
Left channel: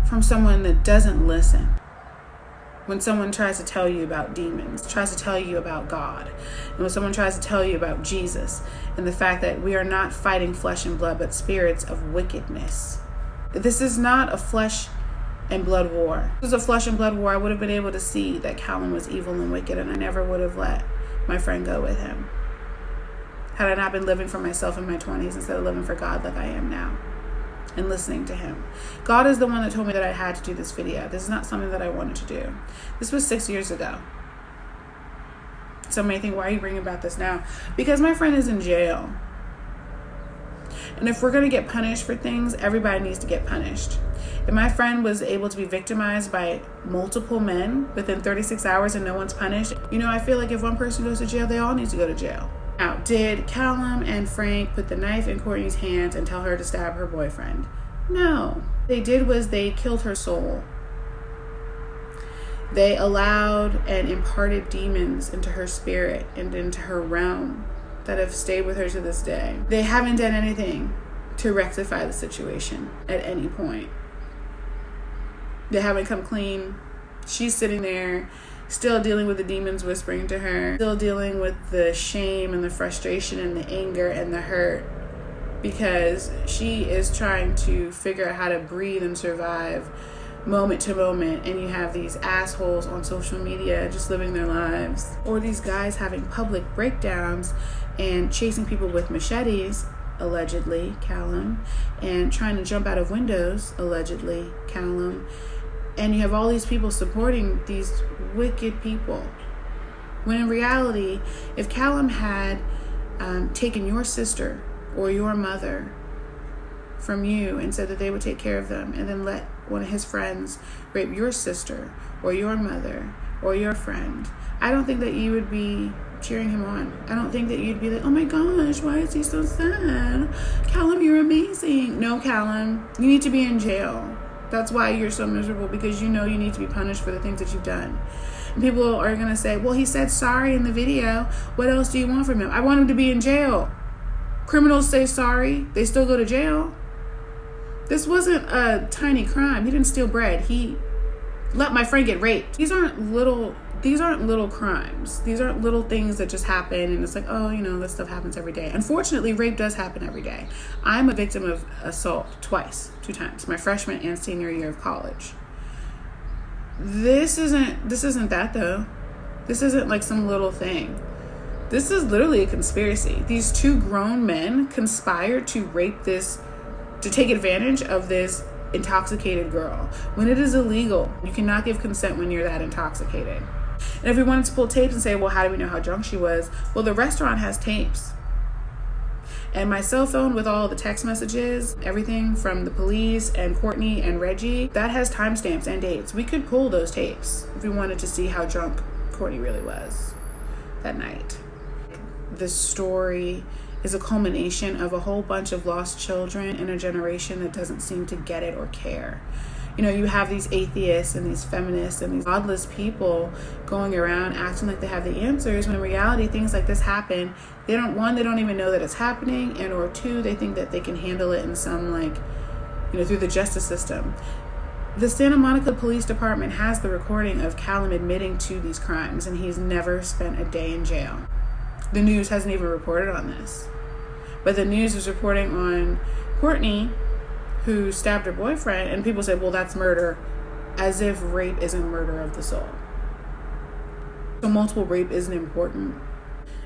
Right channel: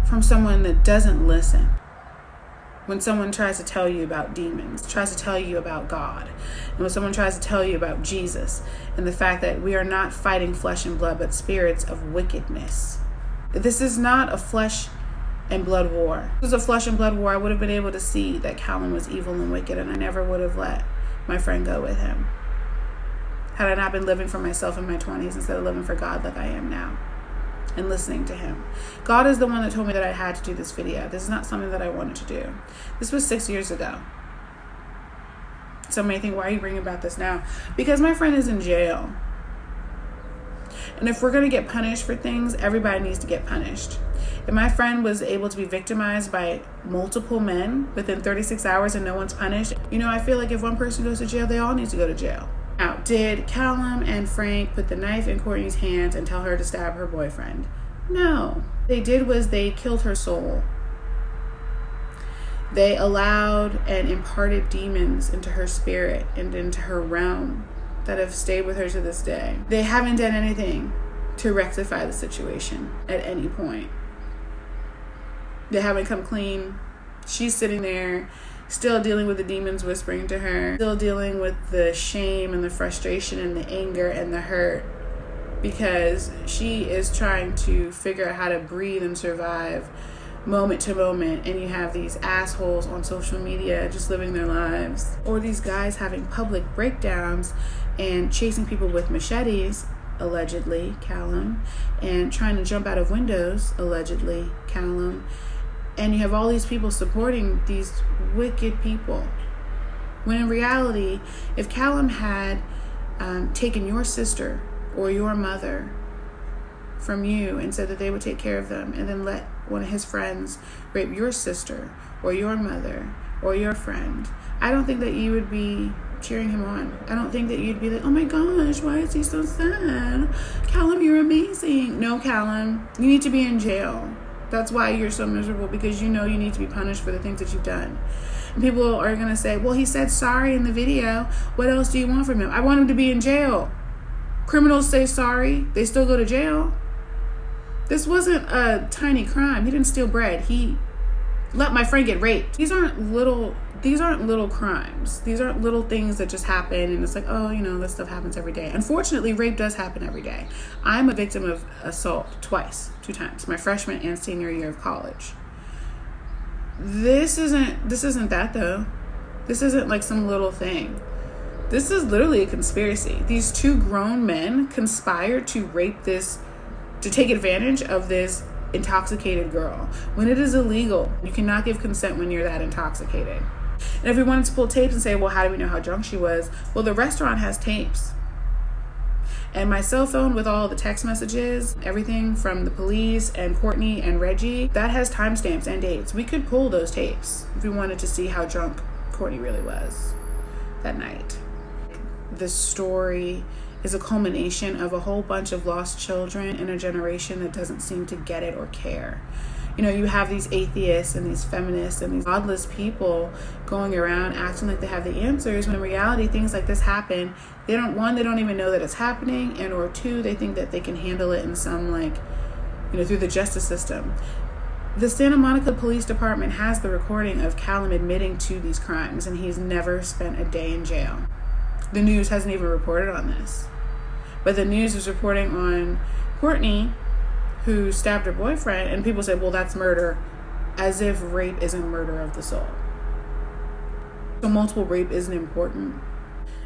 from someone that doesn't listen. When someone tries to tell you about demons, tries to tell you about God, and when someone tries to tell you about Jesus and the fact that we are not fighting flesh and blood, but spirits of wickedness. This is not a flesh and blood war. If it was a flesh and blood war, I would have been able to see that Calum was evil and wicked, and I never would have let my friend go with him. Had I not been living for myself in my 20s instead of living for God like I am now and listening to him. God is the one that told me that I had to do this video. This is not something that I wanted to do. This was 6 years ago. Some may think, why are you bringing about this now? Because my friend is in jail. And if we're going to get punished for things, everybody needs to get punished. If my friend was able to be victimized by multiple men within 36 hours and no one's punished, I feel like if one person goes to jail, they all need to go to jail. Now, did Calum and Frank put the knife in Courtney's hands and tell her to stab her boyfriend? No. What they did was they killed her soul. They allowed and imparted demons into her spirit and into her realm that have stayed with her to this day. They haven't done anything to rectify the situation at any point. They haven't come clean. She's sitting there still dealing with the demons whispering to her, still dealing with the shame and the frustration and the anger and the hurt, because she is trying to figure out how to breathe and survive moment to moment. And you have these assholes on social media just living their lives, or these guys having public breakdowns and chasing people with machetes allegedly, Calum, and trying to jump out of windows, allegedly, Calum. And you have all these people supporting these wicked people. When in reality, if Calum had taken your sister or your mother from you and said that they would take care of them, and then let one of his friends rape your sister or your mother or your friend, I don't think that you would be cheering him on. I don't think that you'd be like, oh my gosh, why is he so sad? Calum, you're amazing. No, Calum, you need to be in jail. That's why you're so miserable, because you know you need to be punished for the things that you've done. And people are going to say, well, he said sorry in the video. What else do you want from him? I want him to be in jail. Criminals say sorry. They still go to jail. This wasn't a tiny crime. He didn't steal bread. He let my friend get raped. These aren't little crimes. These aren't little things that just happen and it's like, oh, you know, this stuff happens every day. Unfortunately, rape does happen every day. I'm a victim of assault two times, my freshman and senior year of college. This isn't that though. This isn't like some little thing. This is literally a conspiracy. These two grown men conspired to take advantage of this intoxicated girl when it is illegal. You cannot give consent when you're that intoxicated. And if we wanted to pull tapes and say, well, how do we know how drunk she was? Well, the restaurant has tapes. And my cell phone with all the text messages, everything from the police and Courtney and Reggie, that has timestamps and dates. We could pull those tapes if we wanted to see how drunk Courtney really was that night. The story is a culmination of a whole bunch of lost children in a generation that doesn't seem to get it or care. You know, you have these atheists and these feminists and these godless people going around acting like they have the answers, when in reality things like this happen. They don't even know that it's happening, and or two, they think that they can handle it in some, like, you know, through the justice system. The Santa Monica Police Department has the recording of Calum admitting to these crimes, and he's never spent a day in jail. The news hasn't even reported on this. But the news is reporting on Courtney, who stabbed her boyfriend, and people say, well, that's murder, as if rape isn't murder of the soul. So multiple rape isn't important.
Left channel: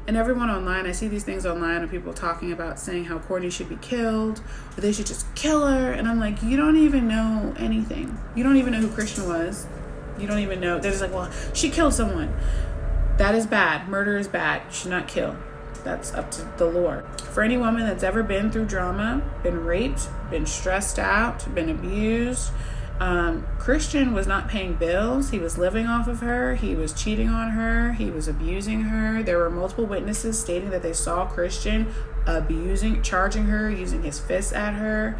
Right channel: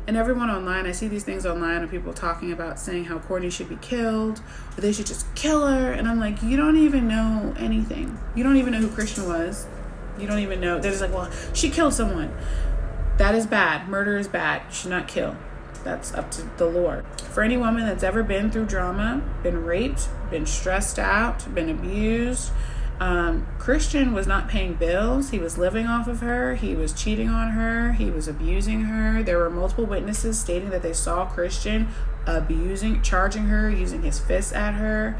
And everyone online, I see these things online of people talking about saying how Courtney should be killed, or they should just kill her. And I'm like, you don't even know anything. You don't even know who Christian was. You don't even know. They're just like, well, she killed someone. That is bad. Murder is bad. You should not kill. That's up to the Lord. For any woman that's ever been through drama, been raped, been stressed out, been abused, Christian was not paying bills. He was living off of her. He was cheating on her. He was abusing her. There were multiple witnesses stating that they saw Christian charging her, using his fists at her.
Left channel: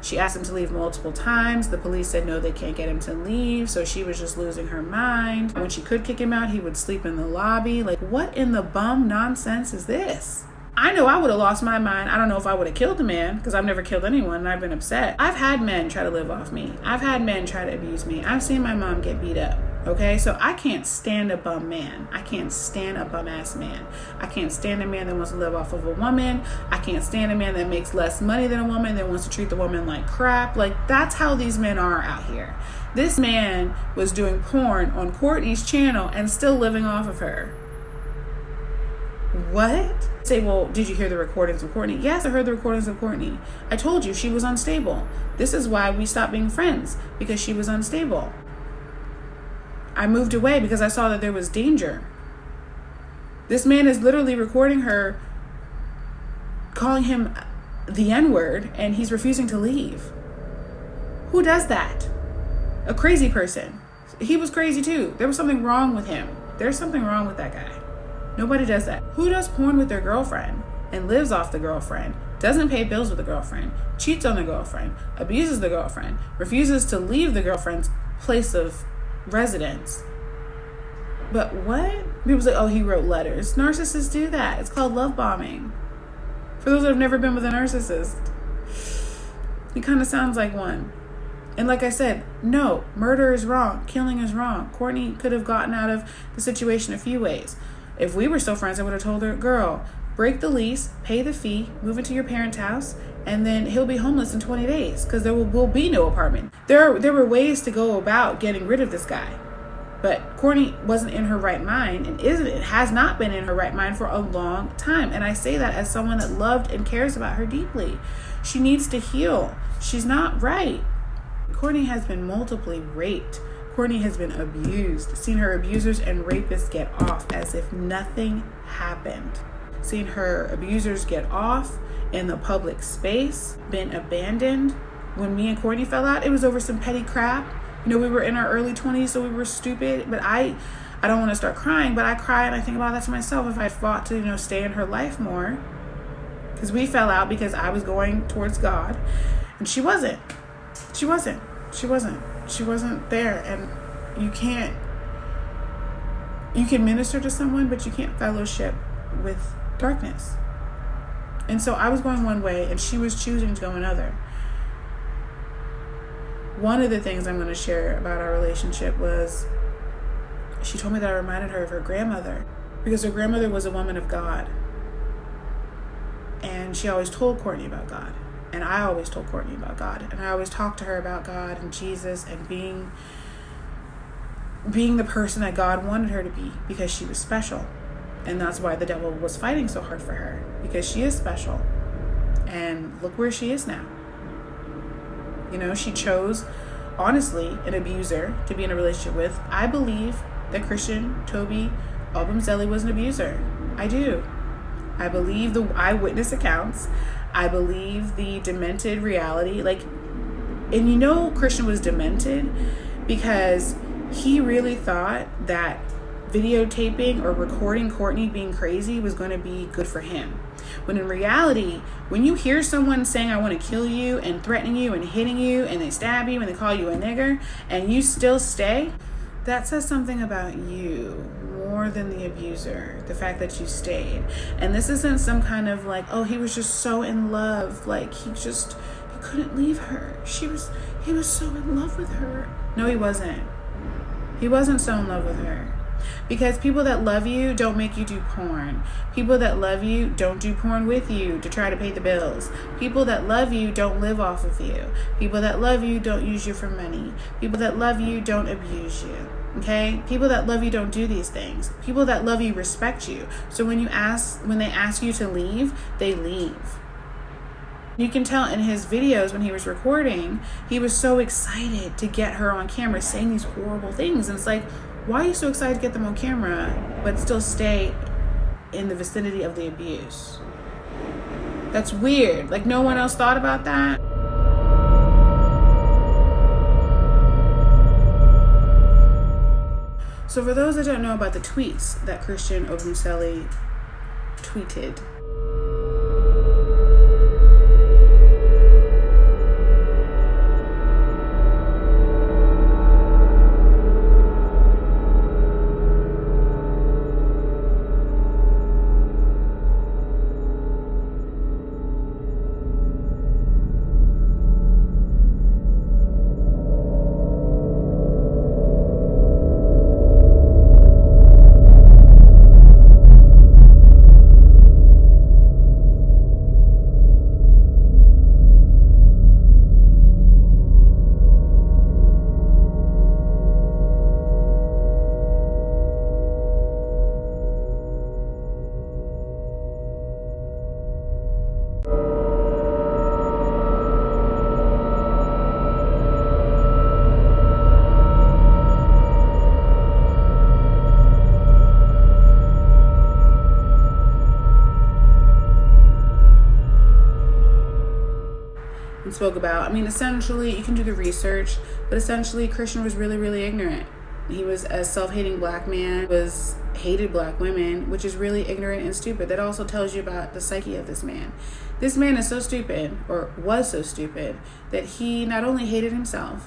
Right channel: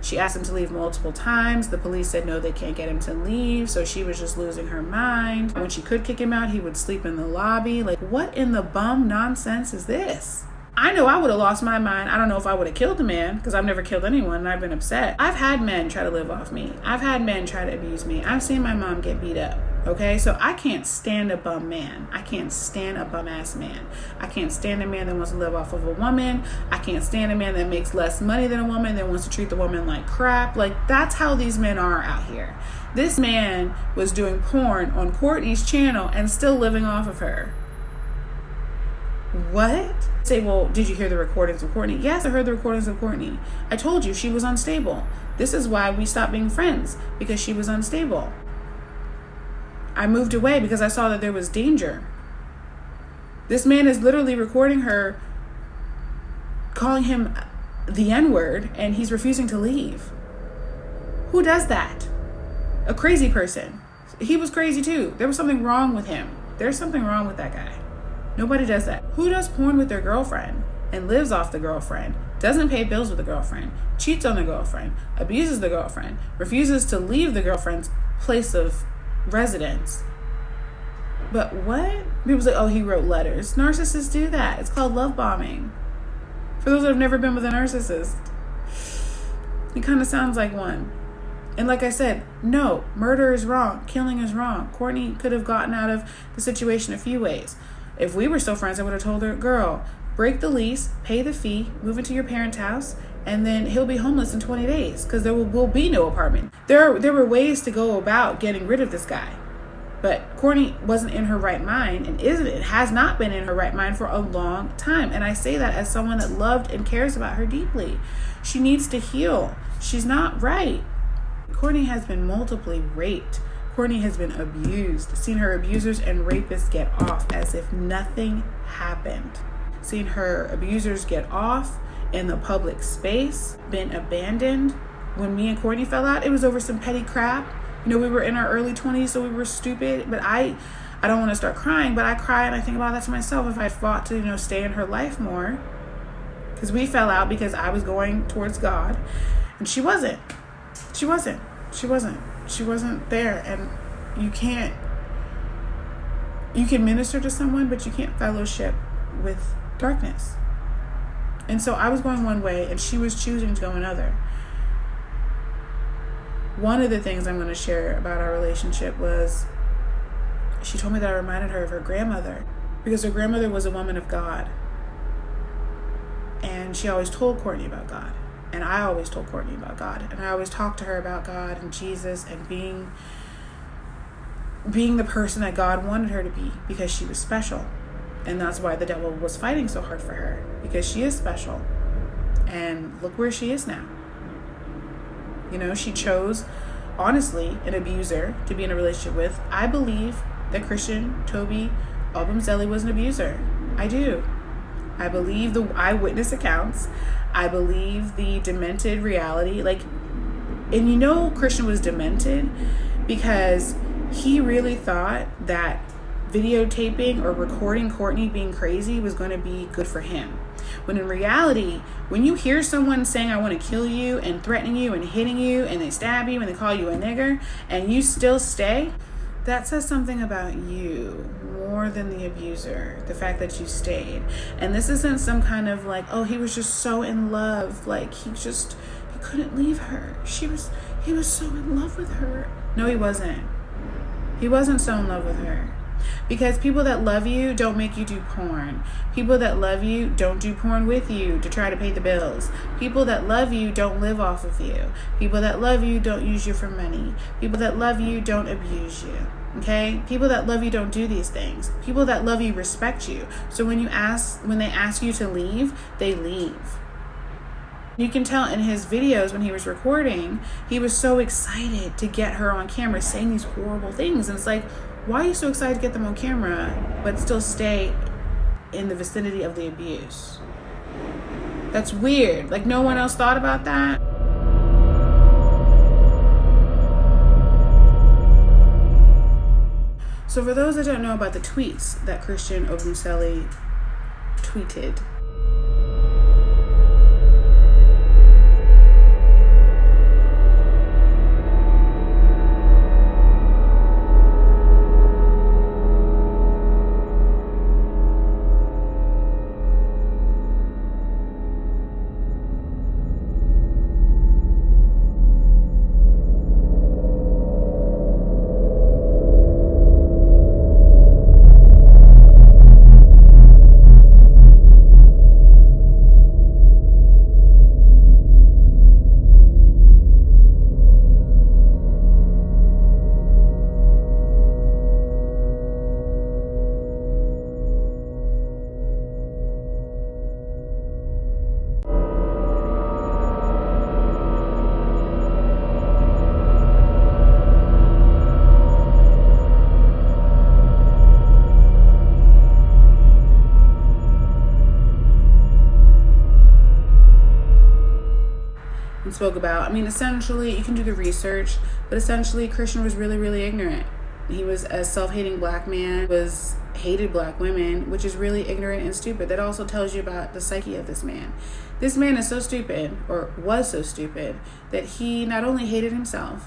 She asked him to leave multiple times. The police said no, they can't get him to leave. So she was just losing her mind. When she could kick him out, he would sleep in the lobby. Like, what in the bum nonsense is this? I know I would have lost my mind. I don't know if I would have killed the man, because I've never killed anyone and I've been upset. I've had men try to live off me. I've had men try to abuse me. I've seen my mom get beat up. Okay, so I can't stand a bum man. I can't stand a bum ass man. I can't stand a man that wants to live off of a woman. I can't stand a man that makes less money than a woman, that wants to treat the woman like crap. Like, that's how these men are out here. This man was doing porn on Courtney's channel and still living off of her. What? Say, well, did you hear the recordings of Courtney? Yes, I heard the recordings of Courtney. I told you she was unstable. This is why we stopped being friends, because she was unstable. I moved away because I saw that there was danger. This man is literally recording her, calling him the N-word, and he's refusing to leave. Who does that? A crazy person. He was crazy too. There was something wrong with him. There's something wrong with that guy. Nobody does that. Who does porn with their girlfriend and lives off the girlfriend, doesn't pay bills with the girlfriend, cheats on the girlfriend, abuses the girlfriend, refuses to leave the girlfriend's place of residence? But what? People say, oh, he wrote letters. Narcissists do that. It's called love bombing. For those that have never been with a narcissist, he kind of sounds like one. And like I said, no, murder is wrong. Killing is wrong. Courtney could have gotten out of the situation a few ways. If we were still friends, I would have told her, girl, break the lease, pay the fee, move into your parents' house, and then he'll be homeless in 20 days because there will be no apartment. There were ways to go about getting rid of this guy. But Courtney wasn't in her right mind, and has not been in her right mind for a long time. And I say that as someone that loved and cares about her deeply. She needs to heal. She's not right. Courtney has been multiply raped. Courtney has been abused. Seen her abusers and rapists get off as if nothing happened. Seen her abusers get off in the public space, been abandoned. When me and Courtney fell out, it was over some petty crap. You know, we were in our early 20s, so we were stupid. But I don't want to start crying, but I cry and I think about that to myself. If I fought to, you know, stay in her life more. Because we fell out because I was going towards God. And she wasn't. She wasn't there. And you can minister to someone, but you can't fellowship with darkness. And so I was going one way and she was choosing to go another. One of the things I'm going to share about our relationship was she told me that I reminded her of her grandmother, because her grandmother was a woman of God. And she always told Courtney about God. And I always told Courtney about God. And I always talked to her about God and Jesus and being the person that God wanted her to be, because she was special. And that's why the devil was fighting so hard for her, because she is special. And look where she is now. You know, she chose, honestly, an abuser to be in a relationship with. I believe that Christian Toby Obumseli was an abuser. I do. I believe the eyewitness accounts. I believe the demented reality. And you know Christian was demented because he really thought that videotaping or recording Courtney being crazy was going to be good for him. When in reality, when you hear someone saying, I want to kill you, and threatening you and hitting you, and they stab you and they call you a nigger, and you still stay, that says something about you more than the abuser, the fact that you stayed. And this isn't some kind of oh, he was just so in love, he couldn't leave her. He was so in love with her. No, he wasn't. He wasn't so in love with her. Because people that love you don't make you do porn. People that love you don't do porn with you to try to pay the bills. People that love you don't live off of you. People that love you don't use you for money. People that love you don't abuse you. Okay? People that love you don't do these things. People that love you respect you. So when they ask you to leave, they leave. You can tell in his videos when he was recording, he was so excited to get her on camera saying these horrible things. And it's why are you so excited to get them on camera, but still stay in the vicinity of the abuse? That's weird. No one else thought about that. So for those that don't know about the tweets that Christian Obumseli tweeted, and spoke about, essentially, you can do the research, but essentially Christian was really, really ignorant. He was a self-hating black man, hated black women, which is really ignorant and stupid. That also tells you about the psyche of this man. This man is so stupid, or was so stupid, that he not only hated himself,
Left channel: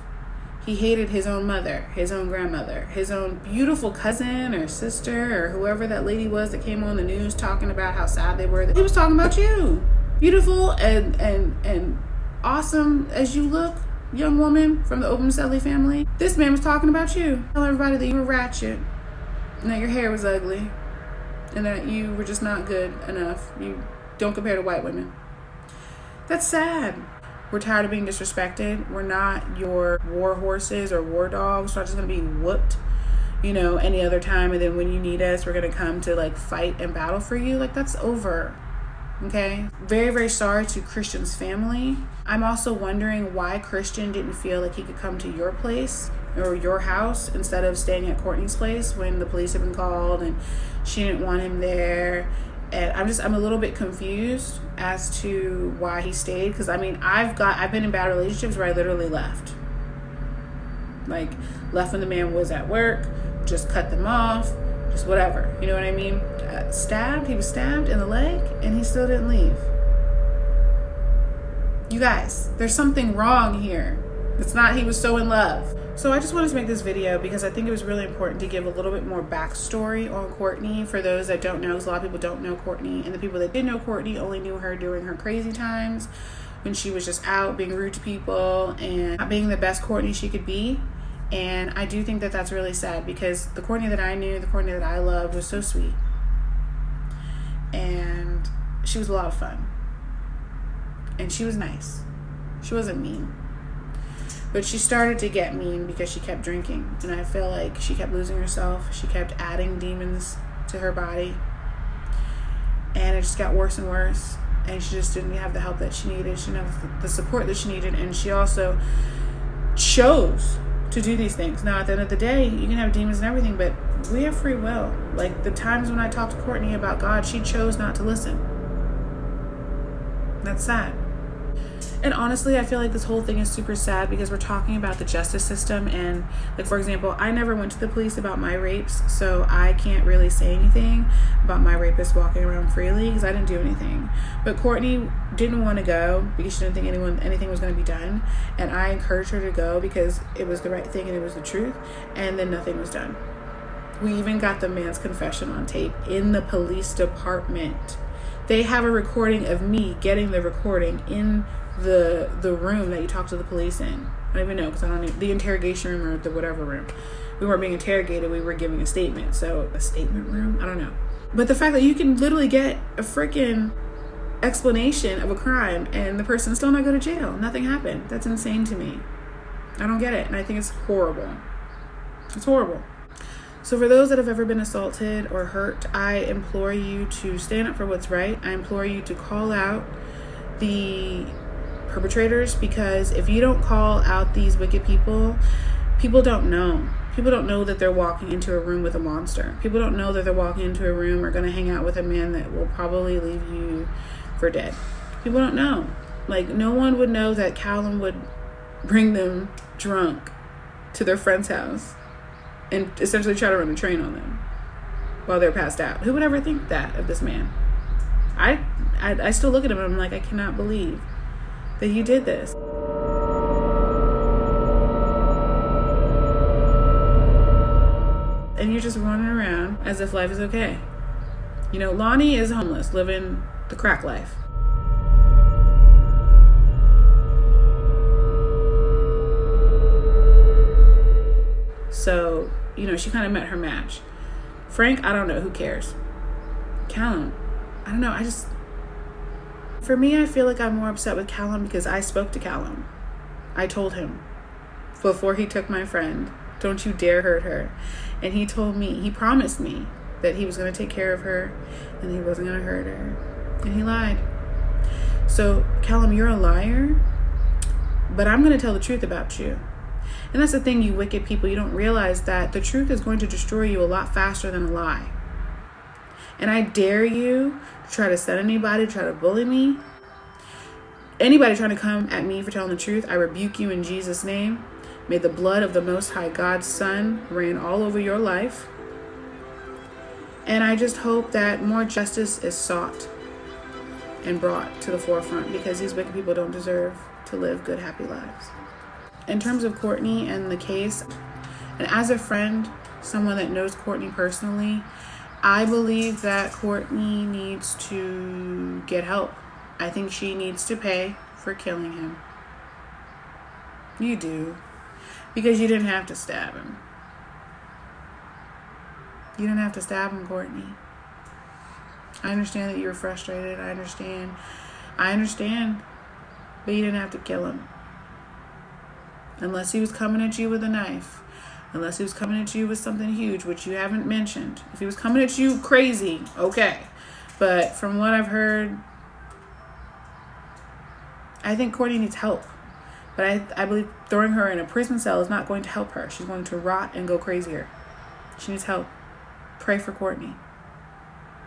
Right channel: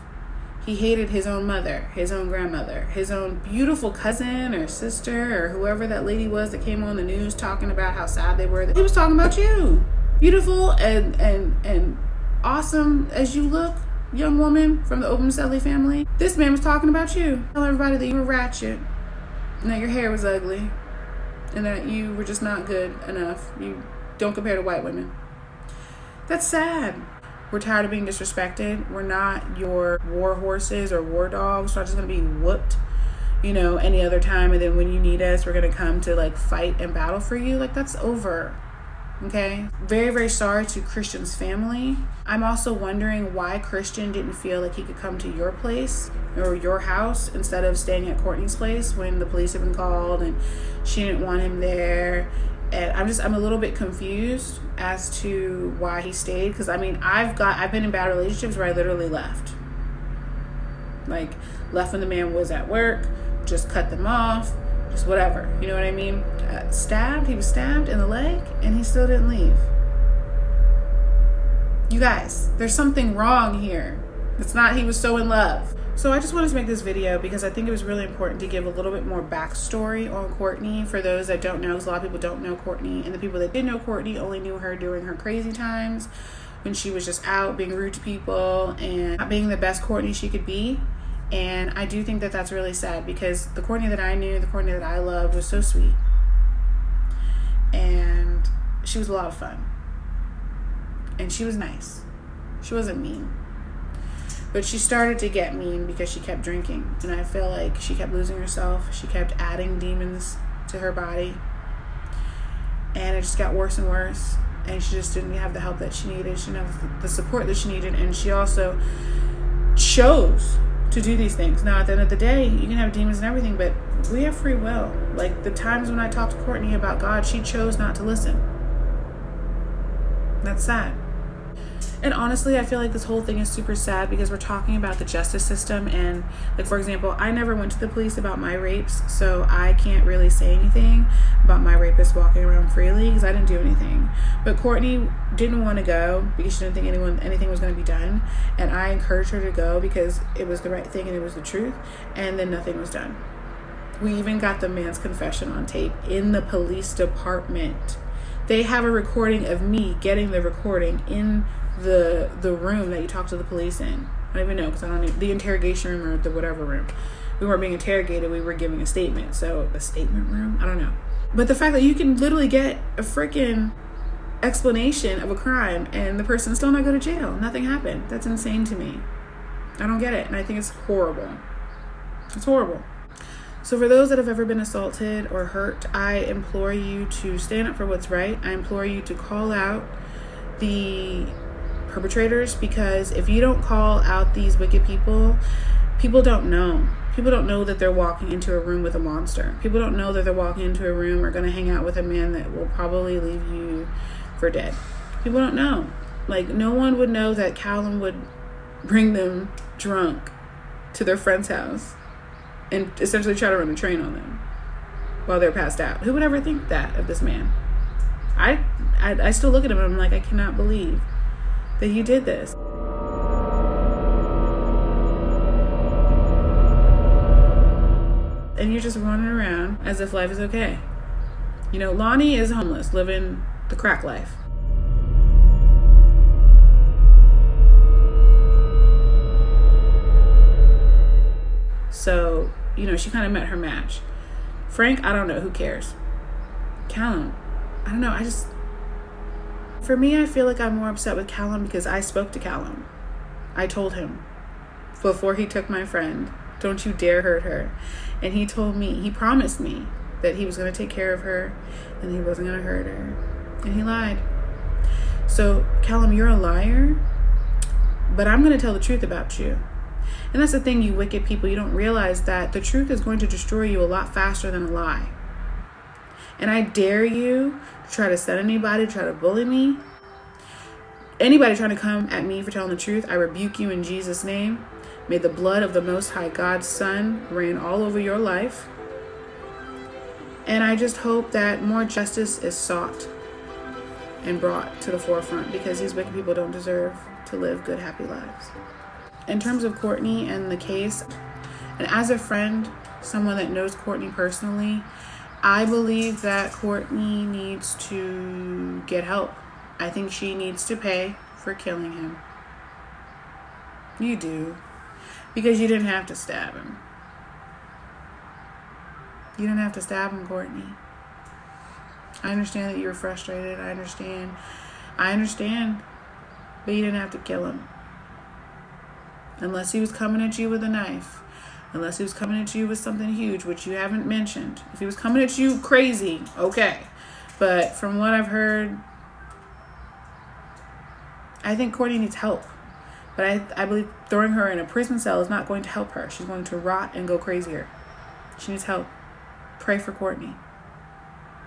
he hated his own mother, his own grandmother, his own beautiful cousin or sister or whoever that lady was that came on the news talking about how sad they were. He was talking about you. Beautiful and awesome as you look, young woman from the Obumseli family. This man was talking about you. Tell everybody that you were ratchet, and that your hair was ugly, and that you were just not good enough. You don't compare to white women. That's sad. We're tired of being disrespected. We're not your war horses or war dogs. We're not just going to be whooped. you know, any other time, and then when you need us, we're gonna come to like fight and battle for you. Like, that's over. Okay, very, very sorry to Christian's family. I'm also wondering why Christian didn't feel like he could come to your place or your house instead of staying at Courtney's place when the police had been called and she didn't want him there. And I'm a little bit confused as to why he stayed, because I mean, I've been in bad relationships where I literally left. Like, left when the man was at work, just cut them off, just whatever, you know what I mean? He was stabbed in the leg and he still didn't leave. You guys, there's something wrong here. It's not he was so in love. So I just wanted to make this video because I think it was really important to give a little bit more backstory on Courtney for those that don't know, because a lot of people don't know Courtney, and the people that did know Courtney only knew her during her crazy times when she was just out being rude to people and not being the best Courtney she could be. And I do think that that's really sad, because the Courtney that I knew, the Courtney that I loved, was so sweet. And she was a lot of fun. And she was nice. She wasn't mean. But she started to get mean because she kept drinking. And I feel like she kept losing herself. She kept adding demons to her body. And it just got worse and worse. And she just didn't have the help that she needed. She didn't have the support that she needed. And she also chose to do these things. Now, at the end of the day, you can have demons and everything, but we have free will. Like, the times when I talked to Courtney about God, she chose not to listen. That's sad. And honestly, I feel like this whole thing is super sad because we're talking about the justice system. And like, for example, I never went to the police about my rapes, so I can't really say anything about my rapist walking around freely because I didn't do anything. But Courtney didn't want to go because she didn't think anything was going to be done. And I encouraged her to go because it was the right thing and it was the truth. And then nothing was done. We even got the man's confession on tape in the police department. They have a recording of me getting the recording in the room that you talk to the police in. I don't even know, because I don't know, the interrogation room or the whatever room. We weren't being interrogated, we were giving a statement. So a statement room, I don't know. But the fact that you can literally get a freaking explanation of a crime and the person still not go to jail, nothing happened, that's insane to me. I don't get it, and I think it's horrible. It's horrible. So for those that have ever been assaulted or hurt, I implore you to stand up for what's right. I implore you to call out the perpetrators, because if you don't call out these wicked people, people don't know. People don't know that they're walking into a room with a monster. People don't know that they're walking into a room or going to hang out with a man that will probably leave you for dead. People don't know. Like, no one would know that Calum would bring them drunk to their friend's house and essentially try to run a train on them while they're passed out. Who would ever think that of this man? I still look at him and I'm like, I cannot believe that he did this. And you're just running around as if life is okay. You know, Lonnie is homeless, living the crack life. So, you know, she kind of met her match. Frank, I don't know, who cares? Calum, I don't know, for me, I feel like I'm more upset with Calum because I spoke to Calum. I told him before he took my friend, don't you dare hurt her. And he told me, he promised me that he was going to take care of her and he wasn't going to hurt her. And he lied. So, Calum, you're a liar, but I'm going to tell the truth about you. And that's the thing, you wicked people. You don't realize that the truth is going to destroy you a lot faster than a lie. And I dare you to try to set anybody, try to bully me. Anybody trying to come at me for telling the truth, I rebuke you in Jesus' name. May the blood of the Most High God's Son reign all over your life. And I just hope that more justice is sought and brought to the forefront, because these wicked people don't deserve to live good, happy lives. In terms of Courtney and the case, and as a friend, someone that knows Courtney personally, I believe that Courtney needs to get help. I think she needs to pay for killing him. You do. Because you didn't have to stab him. You didn't have to stab him, Courtney. I understand that you were frustrated. I understand. But you didn't have to kill him. Unless he was coming at you with a knife. Unless he was coming at you with something huge, which you haven't mentioned. If he was coming at you crazy, okay. But from what I've heard, I think Courtney needs help. But I believe throwing her in a prison cell is not going to help her. She's going to rot and go crazier. She needs help. Pray for Courtney.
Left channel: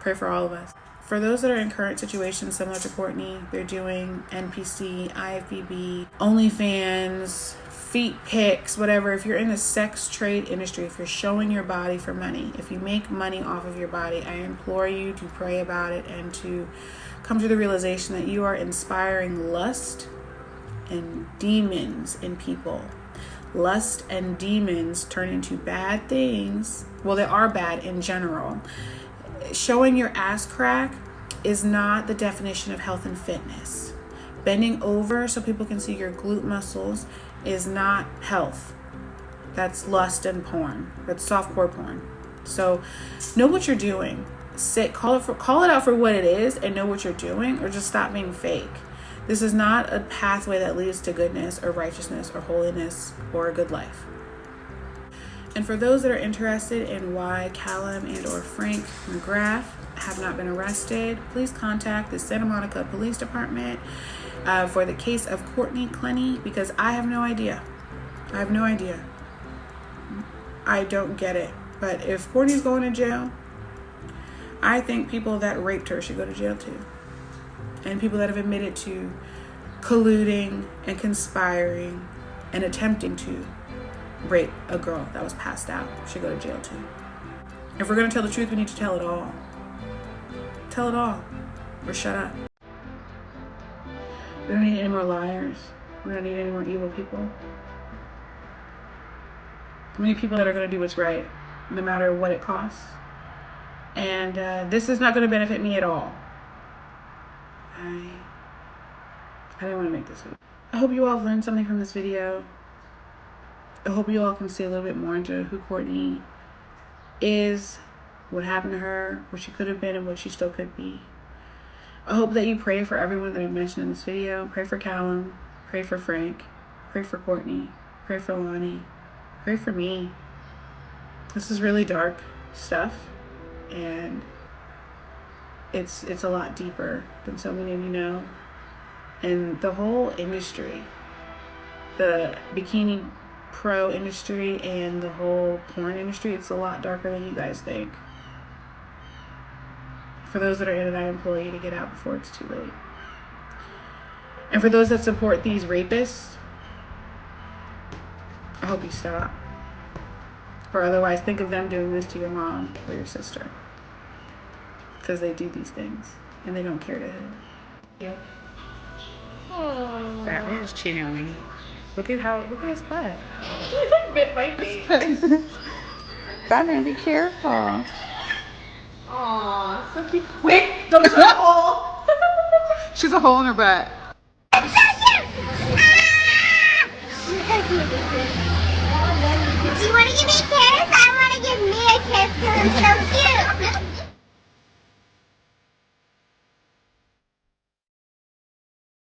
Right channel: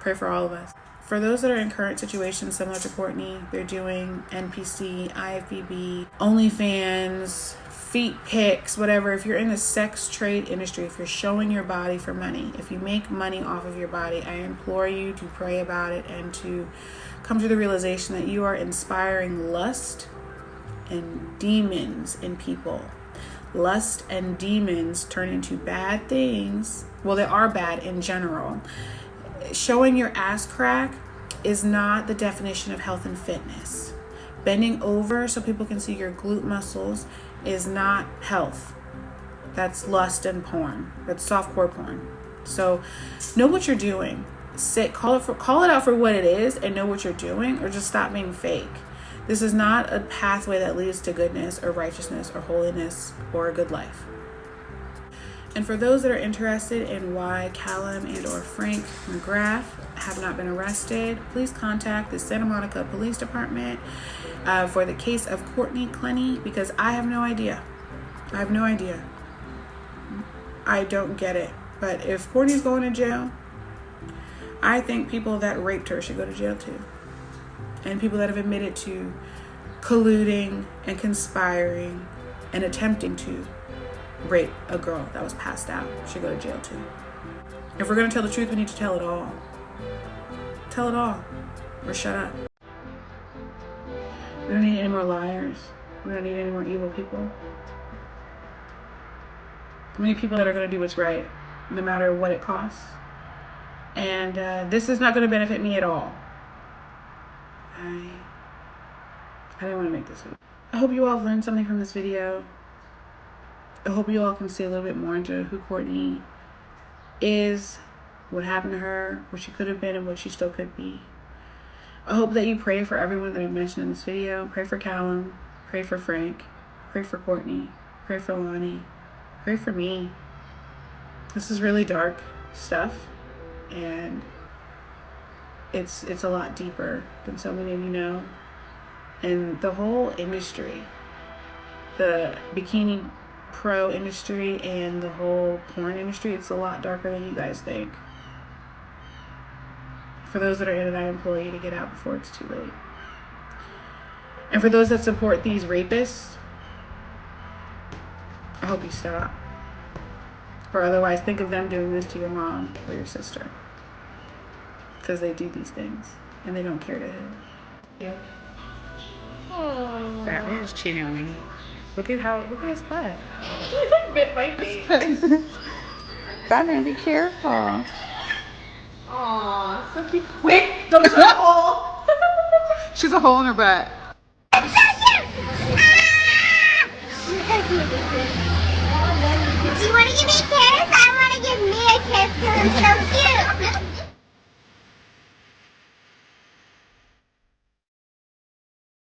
Pray for all of us. For those that are in current situations similar to Courtney, they're doing NPC, IFBB, OnlyFans, feet pics, whatever. If you're in the sex trade industry, if you're showing your body for money, if you make money off of your body, I implore you to pray about it and to come to the realization that you are inspiring lust and demons in people. Lust and demons turn into bad things. Well, they are bad in general. Showing your ass crack is not the definition of health and fitness. Bending over so people can see your glute muscles is not health. That's lust and porn. That's softcore porn. So know what you're doing. Call it out for what it is and know what you're doing, or just stop being fake. This is not a pathway that leads to goodness or righteousness or holiness or a good life. And for those that are interested in why Calum and or Frank McGrath have not been arrested, please contact the Santa Monica Police Department for the case of Courtney Taylor, because I have no idea. I have no idea. I don't get it. But if Courtney's going to jail, I think people that raped her should go to jail too. And people that have admitted to colluding and conspiring and attempting to rape a girl that was passed out should go to jail too. If we're going to tell the truth, we need to tell it all. Tell it all. Or shut up. We don't need any more liars. We don't need any more evil people. We need people that are going to do what's right, no matter what it costs. And this is not going to benefit me at all. I didn't want to make this video. I hope you all learned something from this video. I hope you all can see a little bit more into who Courtney is, what happened to her, what she could have been, and what she still could be. I hope that you pray for everyone that I mentioned in this video. Pray for Calum, pray for Frank, pray for Courtney, pray for Lonnie, pray for me. This is really dark stuff, and it's a lot deeper than so many of you know. And the whole industry, the bikini pro industry and the whole porn industry, it's a lot darker than you guys think. For those that are in it, I implore you to get out before it's too late. And for those that support these rapists, I hope you stop. Or otherwise, think of them doing this to your mom or your sister. Because they do these things and they don't care to hit. Yeah. Oh. That man's cheating on me. Look at his butt. He bit my face. Batman, be careful. Aw, so wait, don't show a hole. She's a hole in her butt. You want to give me a kiss? I want to give me a kiss because I'm so cute.